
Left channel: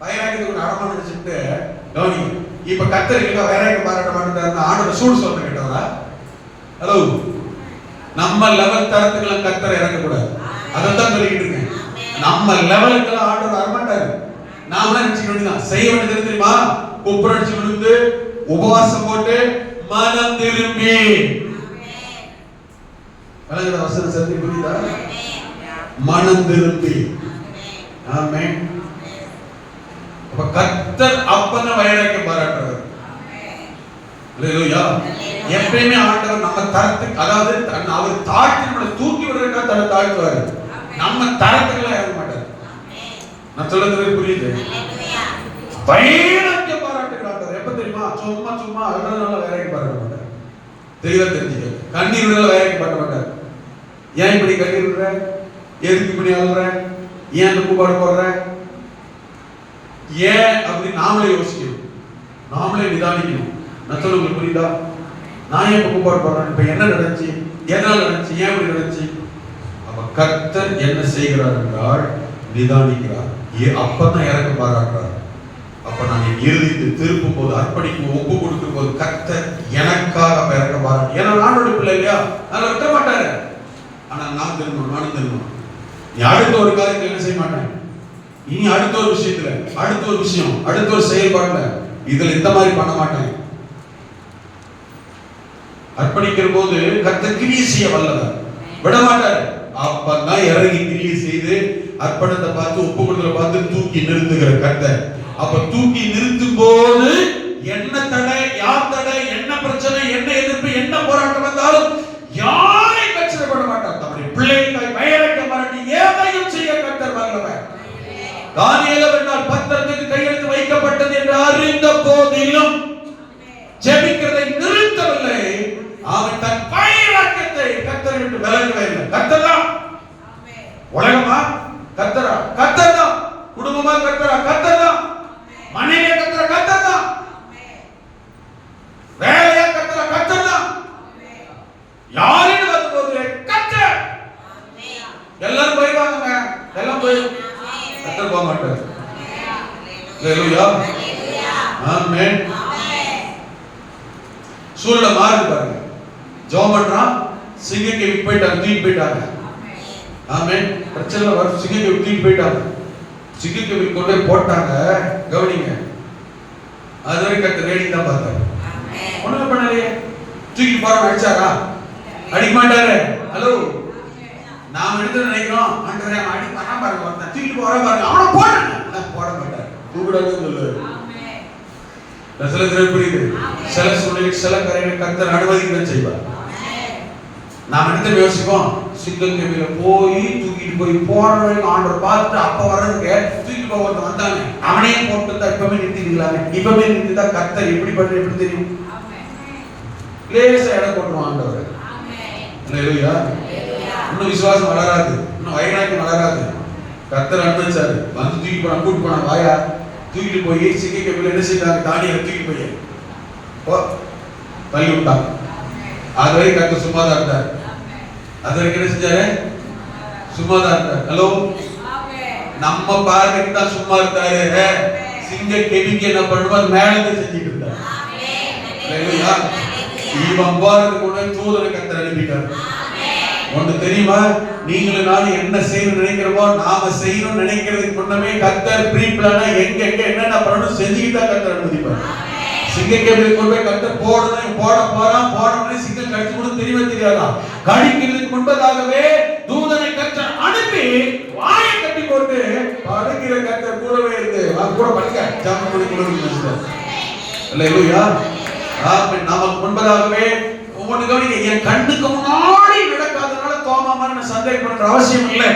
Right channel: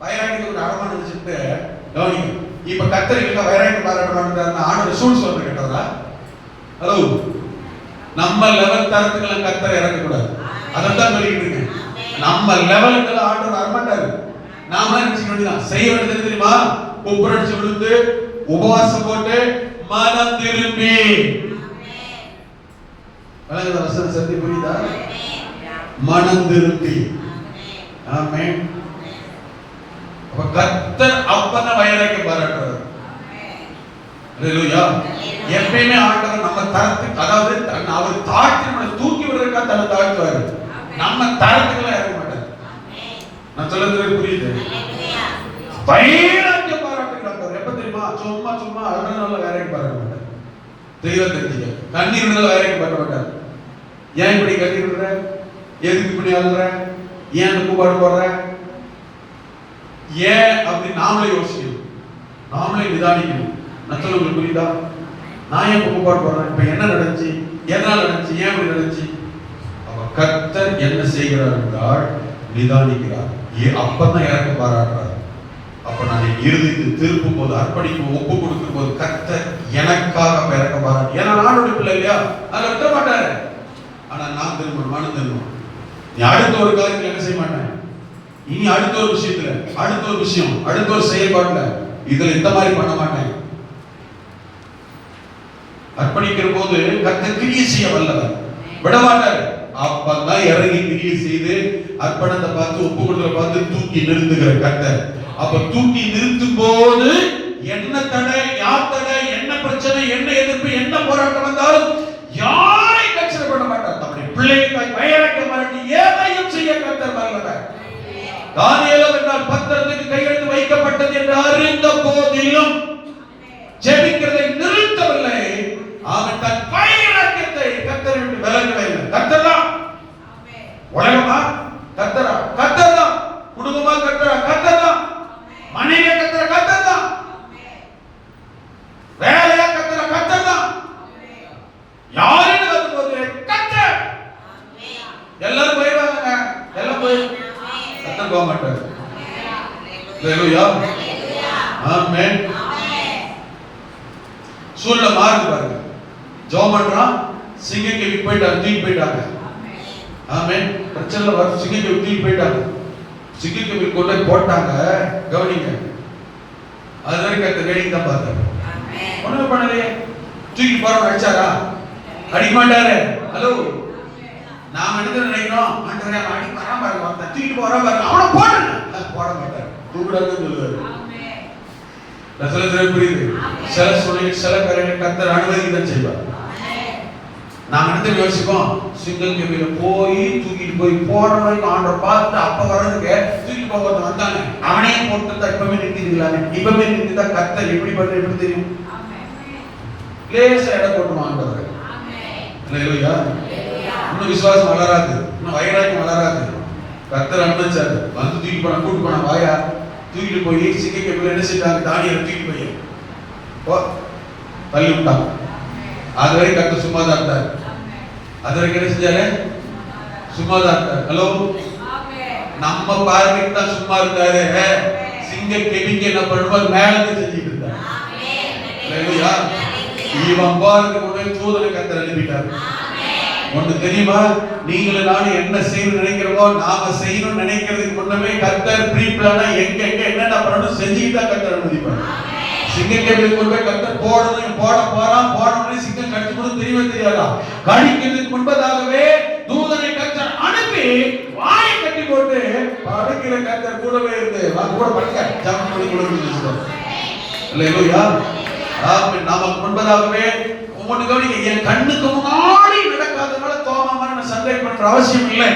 வைராக்கியத்துக்கு ஒரு அடமான நினைச்சுட்டு கவனிங்க. இப்ப கர்த்தருக்கு வைராக்கியம் பாராட்ட மாட்டாருன்னா ஆண்டவர் சூடு சொல்ற கேட்டாரா? ஹலோ, நம்ம லெவல் தரத்துக்கு கர்த்தரை இறங்கக்கூடாது. அதைத்தான் சொல்லிக்கிட்டு இருக்கேன். நம்ம லெவலுக்கு ஆண்டவர் வரமாட்டாரு. நாம நினைச்சுக்க வேண்டியதான். செய்ய வேண்டியது தெரியுமா? உப்புரட்சி விழுந்து உபவாசம் போட்டு மனம் திரும்பி. வசன சத்தி புரியுதா? மனம் திரும்பி. ஆமென். அப்ப கர்த்தர் அப்பதான் வைராக்கியம் பாராட்டுறாரு. அல்லேலூயா. எப்பயுமே ஆண்டவர் நம்ம தரத்துக்கு, அதாவது அவர் தாழ்த்தி நம்மளை தூக்கி விடுறதுக்காக தலை தாழ்த்துவாரு. நம்ம தரத்துக்குலாம் இறங்க மாட்டார். நான் சொல்றது புரியுது? வைராக்கியம் பாராட்டுகிறார். எப்ப தெரியுமா? சும்மா சும்மா அழுறதுனால வைராக்கியம் பாராட்ட மாட்டார். தெளிவா தெரிஞ்சுக்க. கண்ணீர்னால வைராக்கியம் பாராட்ட மாட்டார். ஏன் இப்படி கண்ணீர் விடுற? எதுக்கு இப்படி அழுற? ஏன் அந்த கூப்பாடு போடுற? ஏன் அப்படி நாமளே யோசிக்கணும், நாமளே நிதானிக்கணும். நான் சொல்ல உங்களுக்கு புரியுதா? நான் ஏன் கூப்பாடு போடுறேன்? இப்ப என்ன நடந்துச்சு? எதனால நடந்துச்சு? ஏன் இப்படி நடந்துச்சு? அப்ப கர்த்தர் என்ன செய்கிறார் என்றால் நிதானிக்கிறார். அப்பதான் இறக்க பாராட்டுறார். அப்ப நான் இறுதித்து திருப்பும் போது, அர்ப்பணிக்கும் ஒப்பு கொடுக்கும் போது கர்த்தர் எனக்காக இறக்க பாராட்டு. ஏன்னா நானுடைய பிள்ளை இல்லையா, நான் விட்ட மாட்டாரு. ஆனா நான் திரும்பணும், மனம் திரும்பணும். நீ அடுத்த ஒரு காரியத்தில் என்ன செய்ய மாட்டேன், இனி அடுத்த ஒரு விஷயத்துல, அடுத்த ஒரு விஷயம், அடுத்த ஒரு செயல்பாட்டுல இதுல இந்த மாதிரி பண்ண மாட்டேன். அர்ப்பணிக்கிற போது கர்த்தர் கிரியை செய்ய வல்லவர், விட மாட்டார். அப்பதான் இறங்கி கிரியை செய்து அர்ப்பணத்தை பார்த்து ஒப்பு கொடுத்த பார்த்து தூக்கி நிறுத்துகிற கர்த்தர். அப்ப தூக்கி நிறுத்தும் போது என்ன தடை, யார் தடை, என்ன பிரச்சனை, என்ன எதிர்ப்பு, என்ன போராட்டம் வந்தாலும் யாரை கஷ்டப்பட மாட்டார். நம்முடைய பிள்ளைகளை வைராக்கியம் பாராட்டி எதையும் செய்ய கர்த்தர் வல்லவர். தானியேல் என்றால் பத்திரத்துக்கு கையெழுத்து வைக்கப்பட்டது என்று அறிந்த போதிலும் ஜெபிக்கிறதை நிறுத்தவில்லை. அவன் தன் வைராக்கியத்தை கர்த்தரை விட்டு விலகவே இல்லை. கர்த்தர்தான் உலகமா? கர்த்தரா? கர்த்தர்தான். குடும்பமா? கர்த்தரா? கர்த்தர்தான். மனைவியா? கர்த்தரா? கர்த்தர்தான். வேலையா? கர்த்தரா? கர்த்தர்தான். யாருன்னு வரும்போது கர்த்தர். எல்லாரும் போயிடுவாங்க, எல்லாம் போய் கர்த்தர் போக மாட்டார். அல்லேலூயா. ஆமென். சூழ்நிலை மாறுது பாருங்க. ஜெபம் பண்றான், சிங்கக்கேவிக்கு போயிட்டாங்க, தூக்கி போயிட்டாங்க. ஆமென். பிரச்சனை வர சிங்கக்கேவிக்கு தூக்கி போயிட்டாங்க. சிங்கக்கேவிக்கு கொண்டு போட்டாங்க. கவனிங்க, அது வரைக்கும் கர்த்தர் வேடிக்கை தான் பார்த்தாரு. ஒண்ணுமே பண்ணலையே. தூக்கி போறவன் அடிச்சாரா? அடிக்க மாட்டாரு. ஹலோ, நாம என்ன நினைக்கிறோம்? ஆண்டவரே அடி பண்ணா பாருங்க, தூக்கி போற பாருங்க, அவனை போடுங்க. போட மாட்டார். தூக்குடாதுன்னு சொல்லுவாரு. சில பேர் புரியுது. சில சூழ்நிலை சில காரியங்களை கர்த்தர் அனுமதிக்க தான் செய்வார். நாம என்ன யோசிப்போம், சிங்கிள் கேபில போய் தூக்கிட்டு போய் போறவங்க ஆண்டவர் பார்த்து அப்ப வர்றதுக்கு தூக்கிட்டு போகிறது வந்தாங்க, அவனே போட்டு தான் இப்பவே நிறுத்திக்கலாமே. இப்பவே நிறுத்திட்டா கர்த்தர் எப்படி பண்ண எப்படி தெரியும்? லேசா இடம் போட்டுருவான் ஆண்டவர். அல்லேலூயா. இன்னும் விசுவாசம் வளராது, இன்னும் வைராக்கியம் வளராது. கர்த்தர் அனுமதிச்சாரு, வந்து தூக்கி போனா கூட்டு போனா வாயா தூக்கிட்டு போய் சிங்கை கேபில என்ன செய்தாங்க, தானியேலை தூக்கிட்டு போய் தள்ளி விட்டான். அது வரைக்கும் கர்த்தர் சும்மா தான் இருந்தார். அது வரைக்கும் என்ன செஞ்சாரு? சும்மா தான் இருந்தார். ஹலோ, நம்ம பார்வைக்கு தான் சும்மா இருந்தாரு. சிங்க கெபிங்க என்ன பண்ணுவார், மேல இருந்து செஞ்சுட்டு இருந்தார். அல்லேலூயா. இவன் போறதுக்கு முன்னாடி தூதனை கர்த்தர் அனுப்பிட்டார். ஒண்ணு தெரியுமா, நீங்களும் நானும் என்ன செய்யணும்னு நினைக்கிறோமோ, நாம செய்யணும்னு நினைக்கிறதுக்கு முன்னமே கர்த்தர் ப்ரீ பிளானா எங்க எங்க என்னென்ன பண்ணணும் செஞ்சுட்டு தான் கர்த்தர் அனுமதிப்பார். சிங்கம் கேபிள் கொண்டு கர்த்தர் போடணும் போட போறான், போடணும் சிங்கம் கடிச்சு கூட தெரியவே தெரியாதா? கடிக்கிறதுக்கு முன்பதாகவே தூதனை கர்த்தர் அனுப்பி வாயை கட்டி போட்டு படுக்கிற கர்த்தர் கூடவே இருந்து அது கூட படுக்க ஜாமம் பண்ணி கொடுக்கணும். அல்லேலூயா. நமக்கு முன்பதாகவே ஒவ்வொன்று கவனிங்க, என் கண்ணுக்கு முன்னாடி நடக்காதனால தோமா மாதிரி நான் சந்தேகம் பண்ற அவசியம் இல்லை.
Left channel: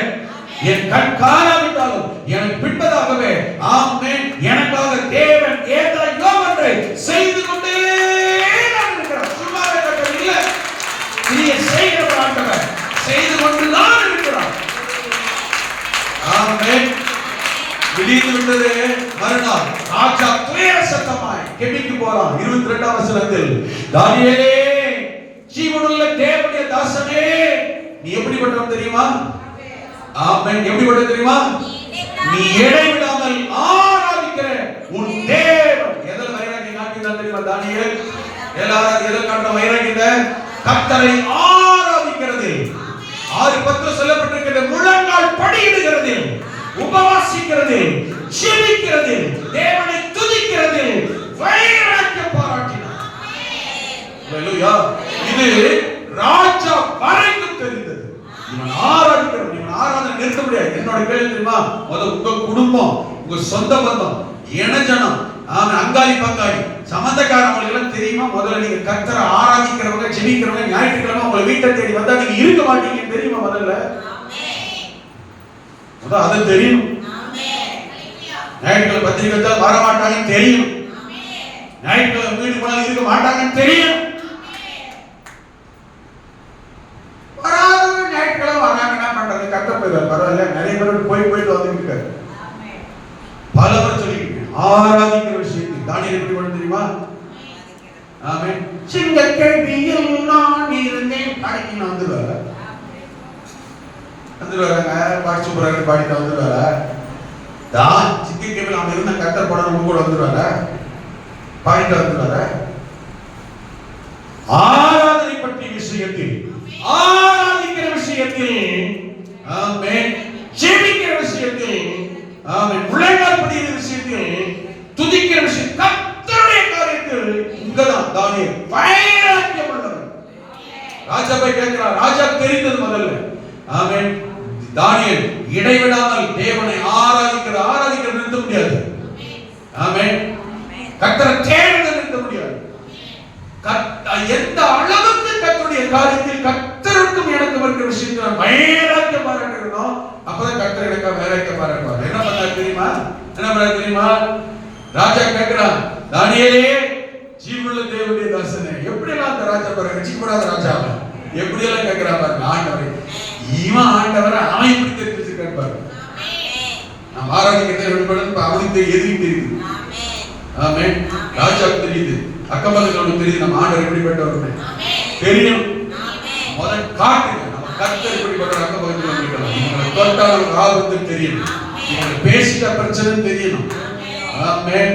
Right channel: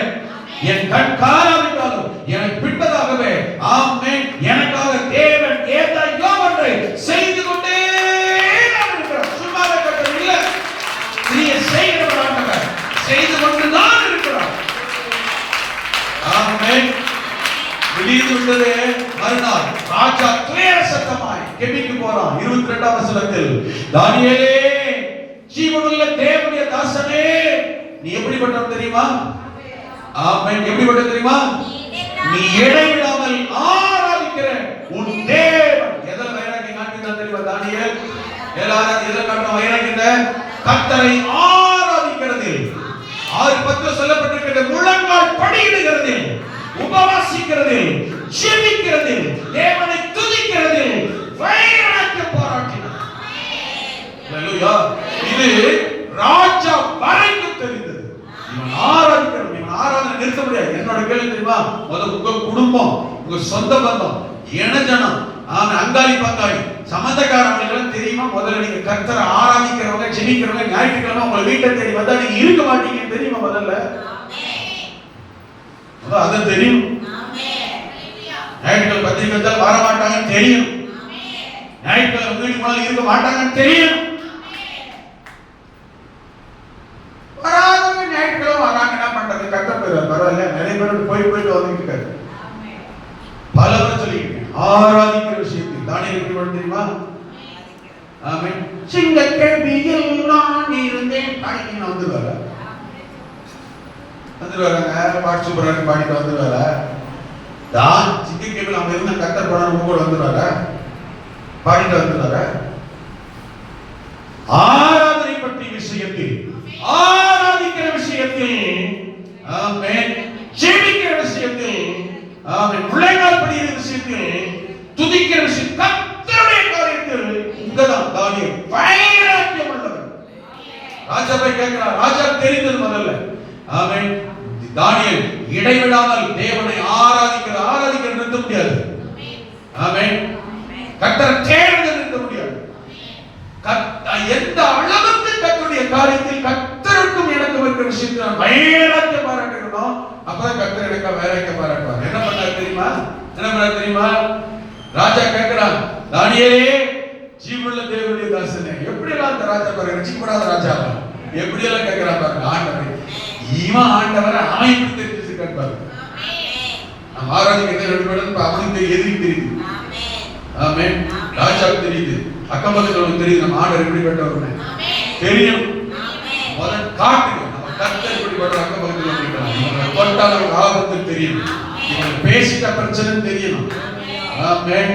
என் கண் காலாவிட்டாலும் எனக்கு பின்பதாகவே ஆமென் எனக்காக தேவன் ஏதாயோ ஒன்றை செய்து கொண்டே இருக்கிறார். சும்மா இருக்கட்டும் இல்ல, நீ செய்கிறவராக செய்து கொண்டு தான் இருக்கிறார். ஆமென். விழித்து விட்டது மறுநாள் ராஜா துயர சத்தமாய் கெபிக்கு போறான். 22ஆம் வசனத்தில், தானியேலே ஜீவனுள்ள தேவனுடைய தாசனே, நீ எப்படிப்பட்டவன் தெரியுமா? ஆமென். எப்படிப்பட்டவன் தெரியுமா? நீ இடைவிடாமல் ஆராதிக்கிற உன் தேவன். எதன் வைராக்கியம் காண்பித்தான் தெரியுமா தானியேல்? எல்லாரும் எதன் காண்பித்த வைராக்கியத்தை? கர்த்தரை ஆராதிக்கிறது. 6:10 சொல்லப்பட்டிருக்கிறது, முழங்கால் படியிடுகிறது, உபவாசிக்கிறது, ஜெபிக்கிறது, தேவனை துதிக்கிறது, வைராக்கியம் பாராட்டினார். அல்லேலூயா. இது ராஜா வரைக்கும் தெரிந்தது. இவன் ஆராதிக்கணும், இவன் ஆராதனை நிறுத்த முடியாது. என்னோட கேள்வி தெரியுமா, முதல்ல உங்க குடும்பம், உங்க சொந்த பந்தம், இனஜனம், அங்காளி பங்காளி சம்பந்தக்காரங்களுக்கு தெரியுமா? முதல்ல நீங்க கர்த்தரை ஆராதிக்கிறவங்க ஜெபிக்கிறவங்க ஞாயிற்றுக்கிழமை உங்களை வீட்டை தேடி வந்தா நீங்க இருக்க மாட்டீங்க தெரியுமா? முதல்ல அது தெரியும். ஞாயிற்றுக்கிழமை பத்திரிக்கை வச்சா வர மாட்டாங்கன்னு தெரியும். ஞாயிற்றுக்கிழமை வீட்டுக்கு முதல்ல இருக்க மாட்டாங்கன்னு தெரியும். வராதவங்க ஞாயிற்றுக்கிழமை வராங்க, என்ன பண்றது? கர்த்தர் பரவாயில்ல, நிறைய பேர் போயிட்டு வந்துட்டு இருக்காரு. பலவர் சொல்லிக்கிறேன் ஆராதிக்கிற விஷயத்தில் தானியேல் எப்படி பண்ண தெரியுமா? ஆமென். சிங்க கேள்வியில் நான் இருந்தேன் தானியேல் வந்துடுவாரா? பாட்டு சூப்பராக பாடிட்டு வந்துடுவாரா? தான் சிங்க கேள்வி அவங்க இருந்த கர்த்தர் போன கூட வந்துடுவாரா? பாடிட்டு வந்துடுவாரா? ஆராதனை பற்றி விஷயத்தில், ஆராதிக்கிற விஷயத்தில், ஆமென், ஜெபிக்கிற விஷயத்தில், ஆமென், முழங்கால் படிக்கிற விஷயத்தில், துதிக்கிற விஷயம், கர்த்தருடைய காரியத்தில் இங்கதான் தானியேல் வைராக்கியம் உள்ளவர். ராஜா போய் கேட்கிறார், ராஜா தெரிந்தது முதல்ல. ஆமென். தானியேல் இடைவிடாமல் தேவனை ஆராதிக்கிற நிறுத்த முடியாது. ஆமென். கர்த்தரை தேடுவதை நிறுத்த முடியாது. எந்த அளவுக்கு கர்த்தருடைய காரியத்தில் கர்த்தருக்கும் எனக்கும் இருக்கிற விஷயத்தில் வைராக்கியம் பாராட்டணும், அப்பதான் கர்த்தர் எனக்கு வைராக்கியம் பாராட்டுவார். என்ன பண்றாரு தெரியுமா? என்ன பண்றாரு தெரியுமா? ராஜா கேட்கிறான், தானியேலே ஜீவனுள்ள தேவனுடைய தாசனே, எப்படி எல்லாம் அந்த ராஜா பாருங்க, ரட்சிக்கப்படாத ராஜாவை எப்படி எல்லாம் கேட்கிறா பாருங்க. ஆண்டவரே, இவன் ஆண்டவரை அவன் எப்படி தெரிஞ்சிருக்காரு பாருங்க. நம்ம ஆராதிக்கிறதை வெளிப்படுத்த அவனுக்கு எதிரி தெரியுது. ஆமென். ராஜாவுக்கு தெரியுது, அக்கம் பக்கத்துல தெரியுது, நம்ம ஆண்டவர் எப்படிப்பட்டவர் தெரியும். முதல் காட்டுங்க, நம்ம கர்த்தர் எப்படிப்பட்ட அக்கம் பக்கத்துல நிற்கலாம். இவங்களை தொட்டால் ஒரு ஆபத்து தெரியும், இவங்களை பேசிட்ட பிரச்சனை தெரியணும். ஆமென்.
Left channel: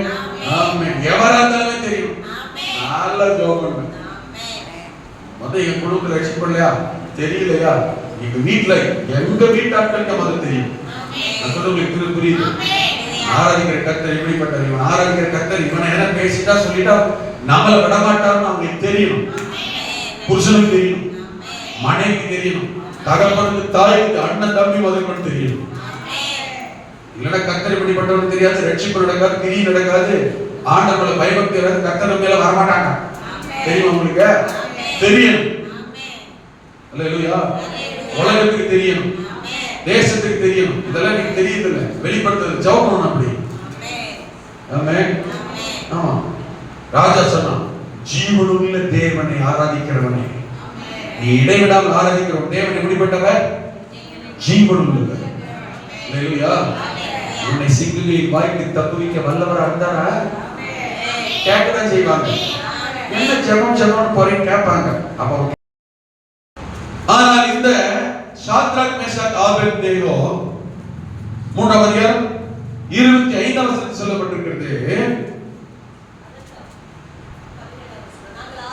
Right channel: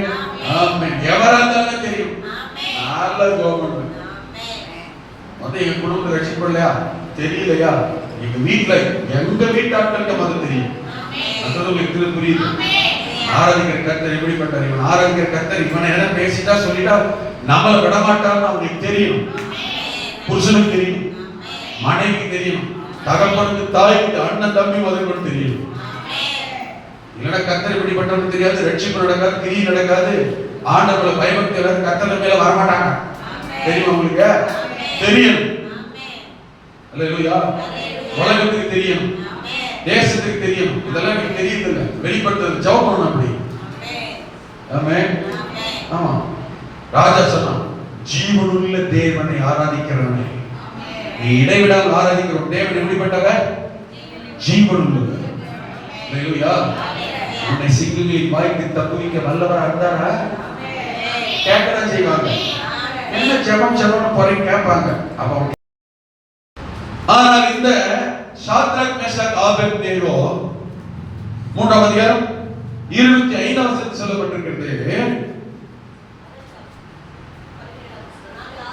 ஆமென். எவரா இருந்தாலும் தெரியும். நல்ல ஜோபம். முதல்ல என் குடும்பத்தை ரட்சிப்படலையா தெரியலையா, எங்க வீட்டுல எங்க வீட்டாட்களுக்கு முதல்ல தெரியும். நான் சொல்ல உங்களுக்கு புரியுது? ஆராதிக்கிற கர்த்தர் எப்படிப்பட்டார், இவன் ஆராதிக்கிற கர்த்தர் இவனை என்ன பேசிட்டா சொல்லிட்டா நம்மள விடமாட்டார்னு அவங்களுக்கு தெரியும். புருஷனுக்கு தெரியும், மனைவிக்கு தெரியும், தகப்பனுக்கு, தாய்க்கு, அண்ணன் தம்பி முதல்வன் தெரியும். இல்லைன்னா கர்த்தர் இப்படிப்பட்டவன்னு தெரியாது, ரட்சிப்பு நடக்காது, கிரி நடக்காது, ஆண்டவரை பயபக்தி கர்த்தர் மேல வரமாட்டாங்க. தெரியுமா உங்களுக்கு? தெரியும். அல்லேலூயா. உலகத்துக்கு தெரியணும், தேசத்துக்கு தெரியணும். இதெல்லாம் எனக்கு தெரியுது இல்ல, வெளிப்படுத்துறது ஜெபம் பண்ணணும். அப்படி ஆமென். ஆமா, ராஜா சொன்னான், ஜீவனுள்ள தேவனை ஆராதிக்கிறவனே, நீ இடைவிடாமல் ஆராதிக்கிற தேவன் எப்படிப்பட்டவர்? ஜீவனுள்ளவர். அல்லேலூயா. உன்னை சிங்குகளின் வாய்க்கு தப்புவிக்க வல்லவரா இருந்தாரா? கேட்கதான் செய்வாங்க. என்ன ஜெபம் ஜெபம் போறேன் கேட்பாங்க. அப்ப ஆனால் இந்த சாத்ராக் மேஷாக் ஆபேத்நேகோ 3ஆம் அதிகாரம் 25ஆம் வசனத்தில் சொல்லப்பட்டிருக்கிறது.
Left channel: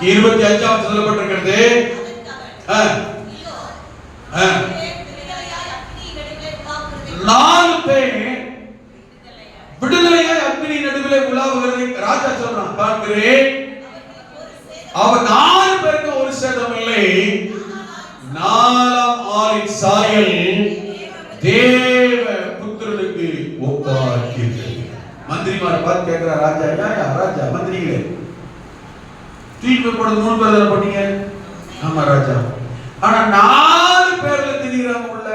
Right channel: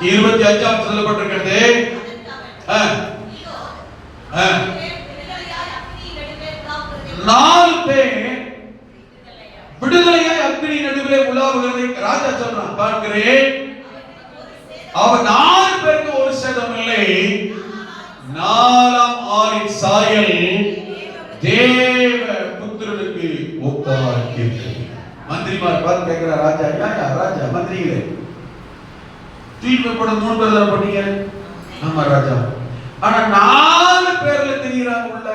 25ஆம் சொல்லப்பட்டிருக்கிறது. நாலு பேர் விடுதலையாய் அக்னி நடுவிலே உலாவுகிறதை ராஜா சொல்றான், காண்கிறேன். அவர் 4 பேருக்கு ஒரு சேதம் இல்லை. 4ஆம் ஆளின் சாயல் தேவ புத்திரனுக்கு ஒப்பாயிருக்கிறது. மந்திரிமாரை பார்த்து கேட்கிற ராஜா, ராஜா மந்திரிகளே, தீர்ப்பு போடுறது 3 பேர் தானே பண்ணீங்க? ஆமா ராஜா. ஆனா 4 பேர்ல தெரியுறாங்க உள்ள.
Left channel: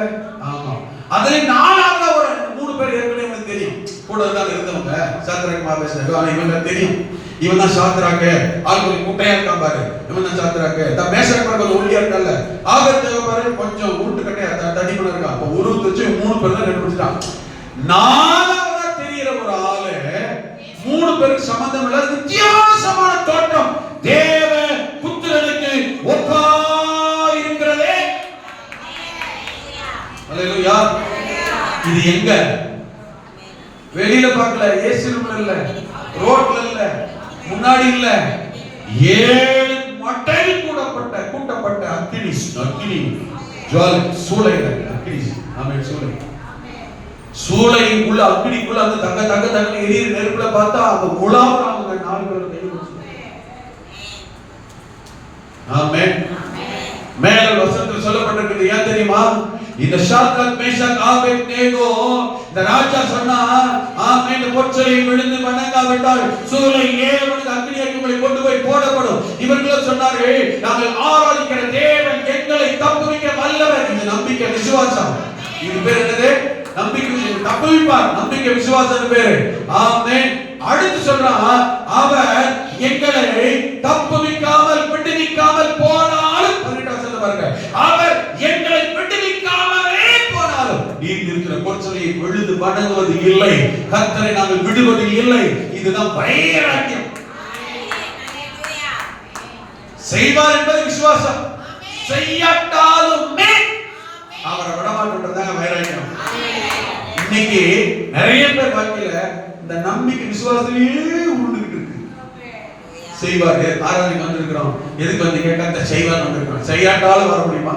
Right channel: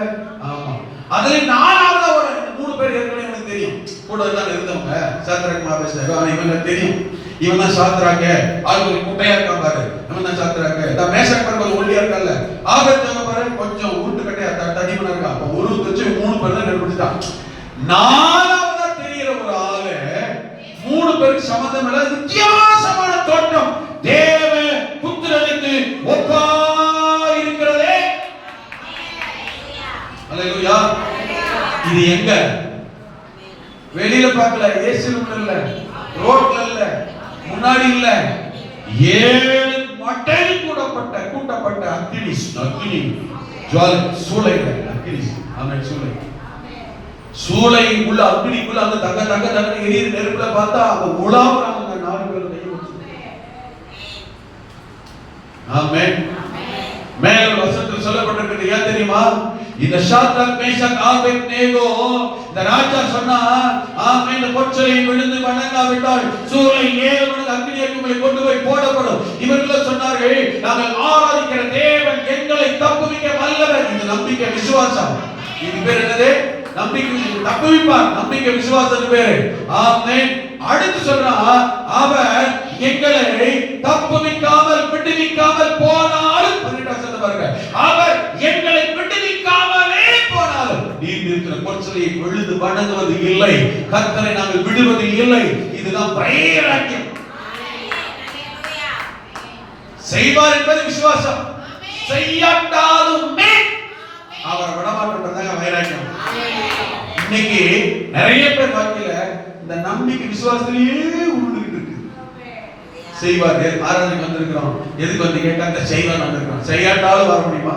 ஆமா, அதுல 4ஆவது ஒரு 3 பேர் ஏற்கனவே எனக்கு தெரியும், கூட தான் இருந்தவங்க. சாத்ராக் மேஷாக் இவங்க தெரியும். இவன் தான் சாத்ராக், ஆளுக்கு குட்டையா இருக்கான் பாரு, இவன் தான் சாத்ராக். இந்த மேஷாக் பக்கத்துல ஒல்லியா இருக்கல்ல, ஆபேத்நேகோ பாரு கொஞ்சம் உருட்டு கட்டையா தடிமனா இருக்கான். அப்ப ஒரு வச்சு 3 பேர் தான் கண்டுபிடிச்சான். 4ஆவதா தெரியுற ஒரு ஆளு 3 பேருக்கு சம்பந்தம் இல்லாத வித்தியாசமான தோற்றம் தேவ புத்திரனுக்கு ஒப்பா இருக்கிறதே. அல்லேலூயா. இது எங்க? வெளியில பார்க்கல, இயேசுல இல்ல, ரோட்ல இல்ல, முன்னாடி இல்ல, 7 மட்டையில் கூட்டப்பட்ட அக்கினி ஜுவாலை சூளைகள், அக்கினி. ஆமென். சூளைக்குள்ள அக்கினிக்குள்ள அந்த தங்க எரியுற நெருப்புல பார்த்தா அந்த உலாவுற அவங்க 4 பேர் கையை வச்சு. ஆமென். மேல் வசனத்தில் சொல்லப்பட்டிருக்கிறது ஏன் தெரியுமா? இந்த சாத்ராக் மேஷாக் ஆபேத்நேகோ இந்த ராஜா சொன்னா, ஆமென், இந்த பொற்சலை விழுந்து வணங்காவிட்டால் சூளை ஏவனுக்கு அக்கினியை கொண்டு போய் போடப்படும். இவர்கள் சொன்னார்கள், நாங்கள் ஆராதிக்கிற தேவன் எங்களை தப்புவிக்க வல்லவர். இந்த நம்பிக்கை விசுவாசம். இது பேர் என்னது? நம்பிக்கை. தப்புவிப்பார், நம்பிக்கை விசுவாசம் பேரு. ஆமென். அடுத்து சொன்னா, அவர் எங்களை தப்புவிக்காமல் விடுவிக்காமல் போனாலும், அவர் எங்களை விடுவிக்காமலே போனாலும் நீர் இருக்கிற பொற்சலையை விழுந்து வணங்குவது இல்லை, கர்த்தரை நாங்கள் விடுவது இல்லை. இதுதான் வைராக்கியம். செய்வார் என்பது விசுவாசம். செய்யாட்டாலுமே அவரை விடமாட்டோம்ன்றதாங்க வைராக்கியம். இன்னைக்கு நிறைய பேர் வாழ்க்கையில இந்த நம்பிக்கை விசுவாசத்திலேயே உருண்டுகிட்டு இருக்கு. செய்வாரு, ஆராதனைக்கு வந்திருக்கிறோம், எதுக்கு வந்து கேட்டா இந்த செய்வார் வந்திருக்கிறோம். செய்யாட்டாலும் வர முடியுமா?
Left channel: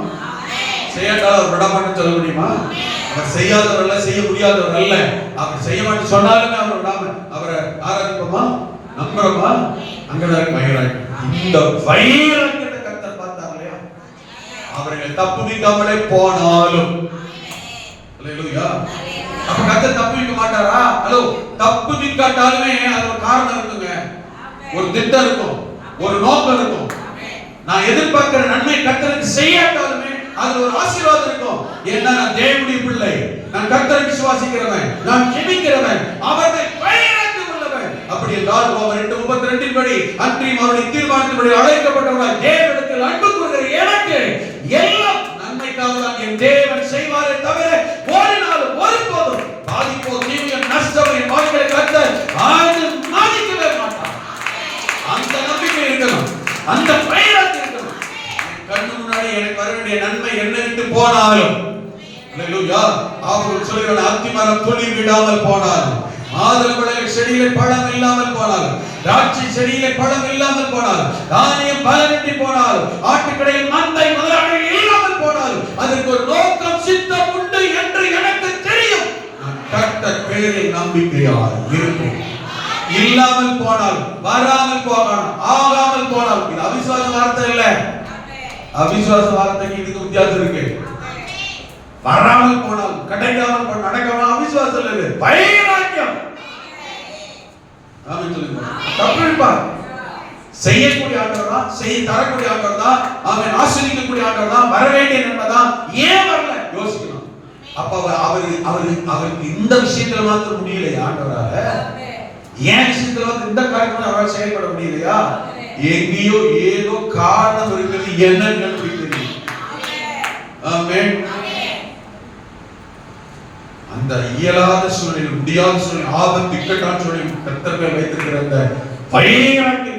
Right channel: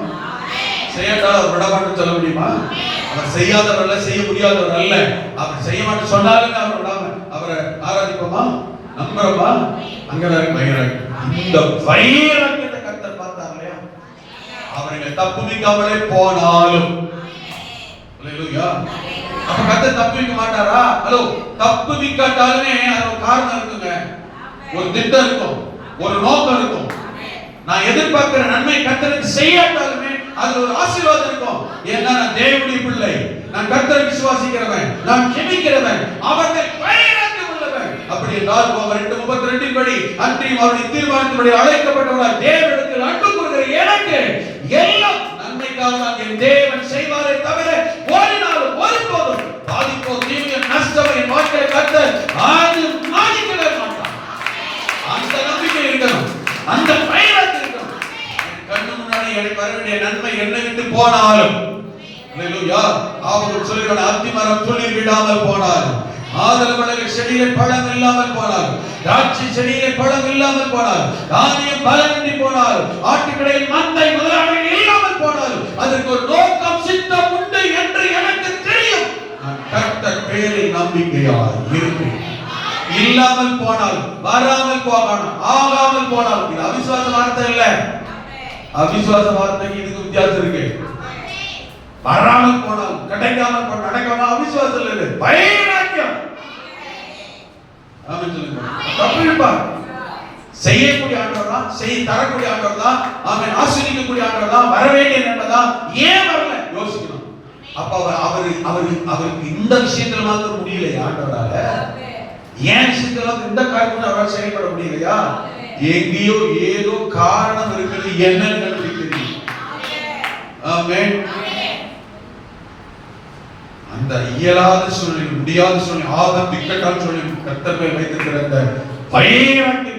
செய்யாட்டாலும் அவர் விடமாட்டேன்னு சொல்ல முடியுமா? அவர் செய்யாதவர் அல்ல, செய்ய முடியாதவர் அல்ல. அவர் செய்ய மாட்டேன்னு சொன்னாலுமே அவர் விடாம அவரை ஆராதிப்போமா, நம்புறோமா? அங்கதான் வைராக்கியம். இந்த வைராக்கியத்தை கர்த்தர் பார்த்தார் இல்லையா? அவர்களை தப்புவிக்காமலே போனாலும். அல்லேலூயா. அப்ப கர்த்தர் தப்புவிக்க மாட்டாரா? ஹலோ, தப்புவிக்காட்டாலுமே அது ஒரு காரணம் இருக்குங்க, ஒரு திட்டம் இருக்கும், ஒரு நோக்கம் இருக்கும். நான் எதிர்பார்க்கிற நன்மை கர்த்தருக்கு செய்யாட்டாலுமே அது ஒரு ஆசீர்வாதம் இருக்கும். ஏன்னா நான் தேவனுடைய பிள்ளை, நான் கர்த்தரை விசுவாசிக்கிறவன், நான் ஜெபிக்கிறவன், அவரை வைராக்கியம் உள்ளவன். அப்படி என்றால் அவர் 2:32 படி அன்றியும் அவருடைய தீர்மானத்தின்படி அழைக்கப்பட்டவர்கள் தேவனிடத்தில் அன்பு கூறுகிற எனக்கு எல்லாம் நன்மைக்காக தான் என் தேவன் செய்வாரே தவிர ஒரு நாளும் ஒருபோதும் பாதிப்போ தீமையோ நஷ்டமோ என் வாழ்க்கையை கர்த்தர் மாற்றிக்கவே மாட்டார். அந்த நம்பிக்கை இருக்கணும், அந்த வைராக்கியம் இருக்கணும். கண்ணு முன்னாடி எனக்கு வர வேண்டிய நன்மை என்ன விட்டு போனாலும், அல்லேலூயா, அவர்கள் சொல்லுகிற அத்திமரம் துளிர் விடாமல் போனாலும், மாதுளம்பழ செடியிலே பழம் இல்லாமல் போனாலும், திராட்சை செடியிலே பழம் இல்லாமல் போனாலும், தானியம் பலனின்றி போனாலும், ஆட்டுக்கடையில் மந்தை முதலாளிகள் இல்லாமல் போனாலும், அதற்கு ஒரு நோக்கம் சித்தம் உண்டு என்று எனக்கு தெரியும். நான் கர்த்தர் பெயரில் நம்பிக்கையாக இருப்பேன். இல்லாமல் போனால், வராமல் போகணும், ஆகாமல் போனால், இது அவிசுவாச வார்த்தை இல்ல. அவிசுவாச வார்த்தைக்கு இதுக்கு வித்தியாசம் இருக்கு. வராமல் போனால், கிடைக்காமல் போனால், நடக்காமல் அவிசுவாசம் இல்லை, வைராக்கியம். ஆமென் சொல்லுங்க. தப்புப்பா. செய்யக்கூடிய ஆண்டவர் தான், தரக்கூடிய ஆண்டவர் தான், அவன் ஆசீர்வதிக்கக்கூடிய ஆண்டவர் தான், வர வேண்டிய நன்மை தான். ஏன் வரல யோசிக்கணும். அப்ப அவருக்கு இந்த விஷயங்கள் மாத்திரம் முடியலையா ஆண்டவரால? ஏன் விஷயத்துல வந்து இந்த காரணம் அவரால் செயல்பட முடியலையா? எங்கேயோ ஏதோ காரணம் இருக்குது. என்னன்னு தெரியும். ஆமென். அந்த இயலாத சூழ்நிலை, முடியாத சூழ்நிலை, ஆபத்து, இக்கட்டான சூழ்நிலை கர்த்தர் மேல் வைத்திருக்கிற அந்த வைராக்கியம்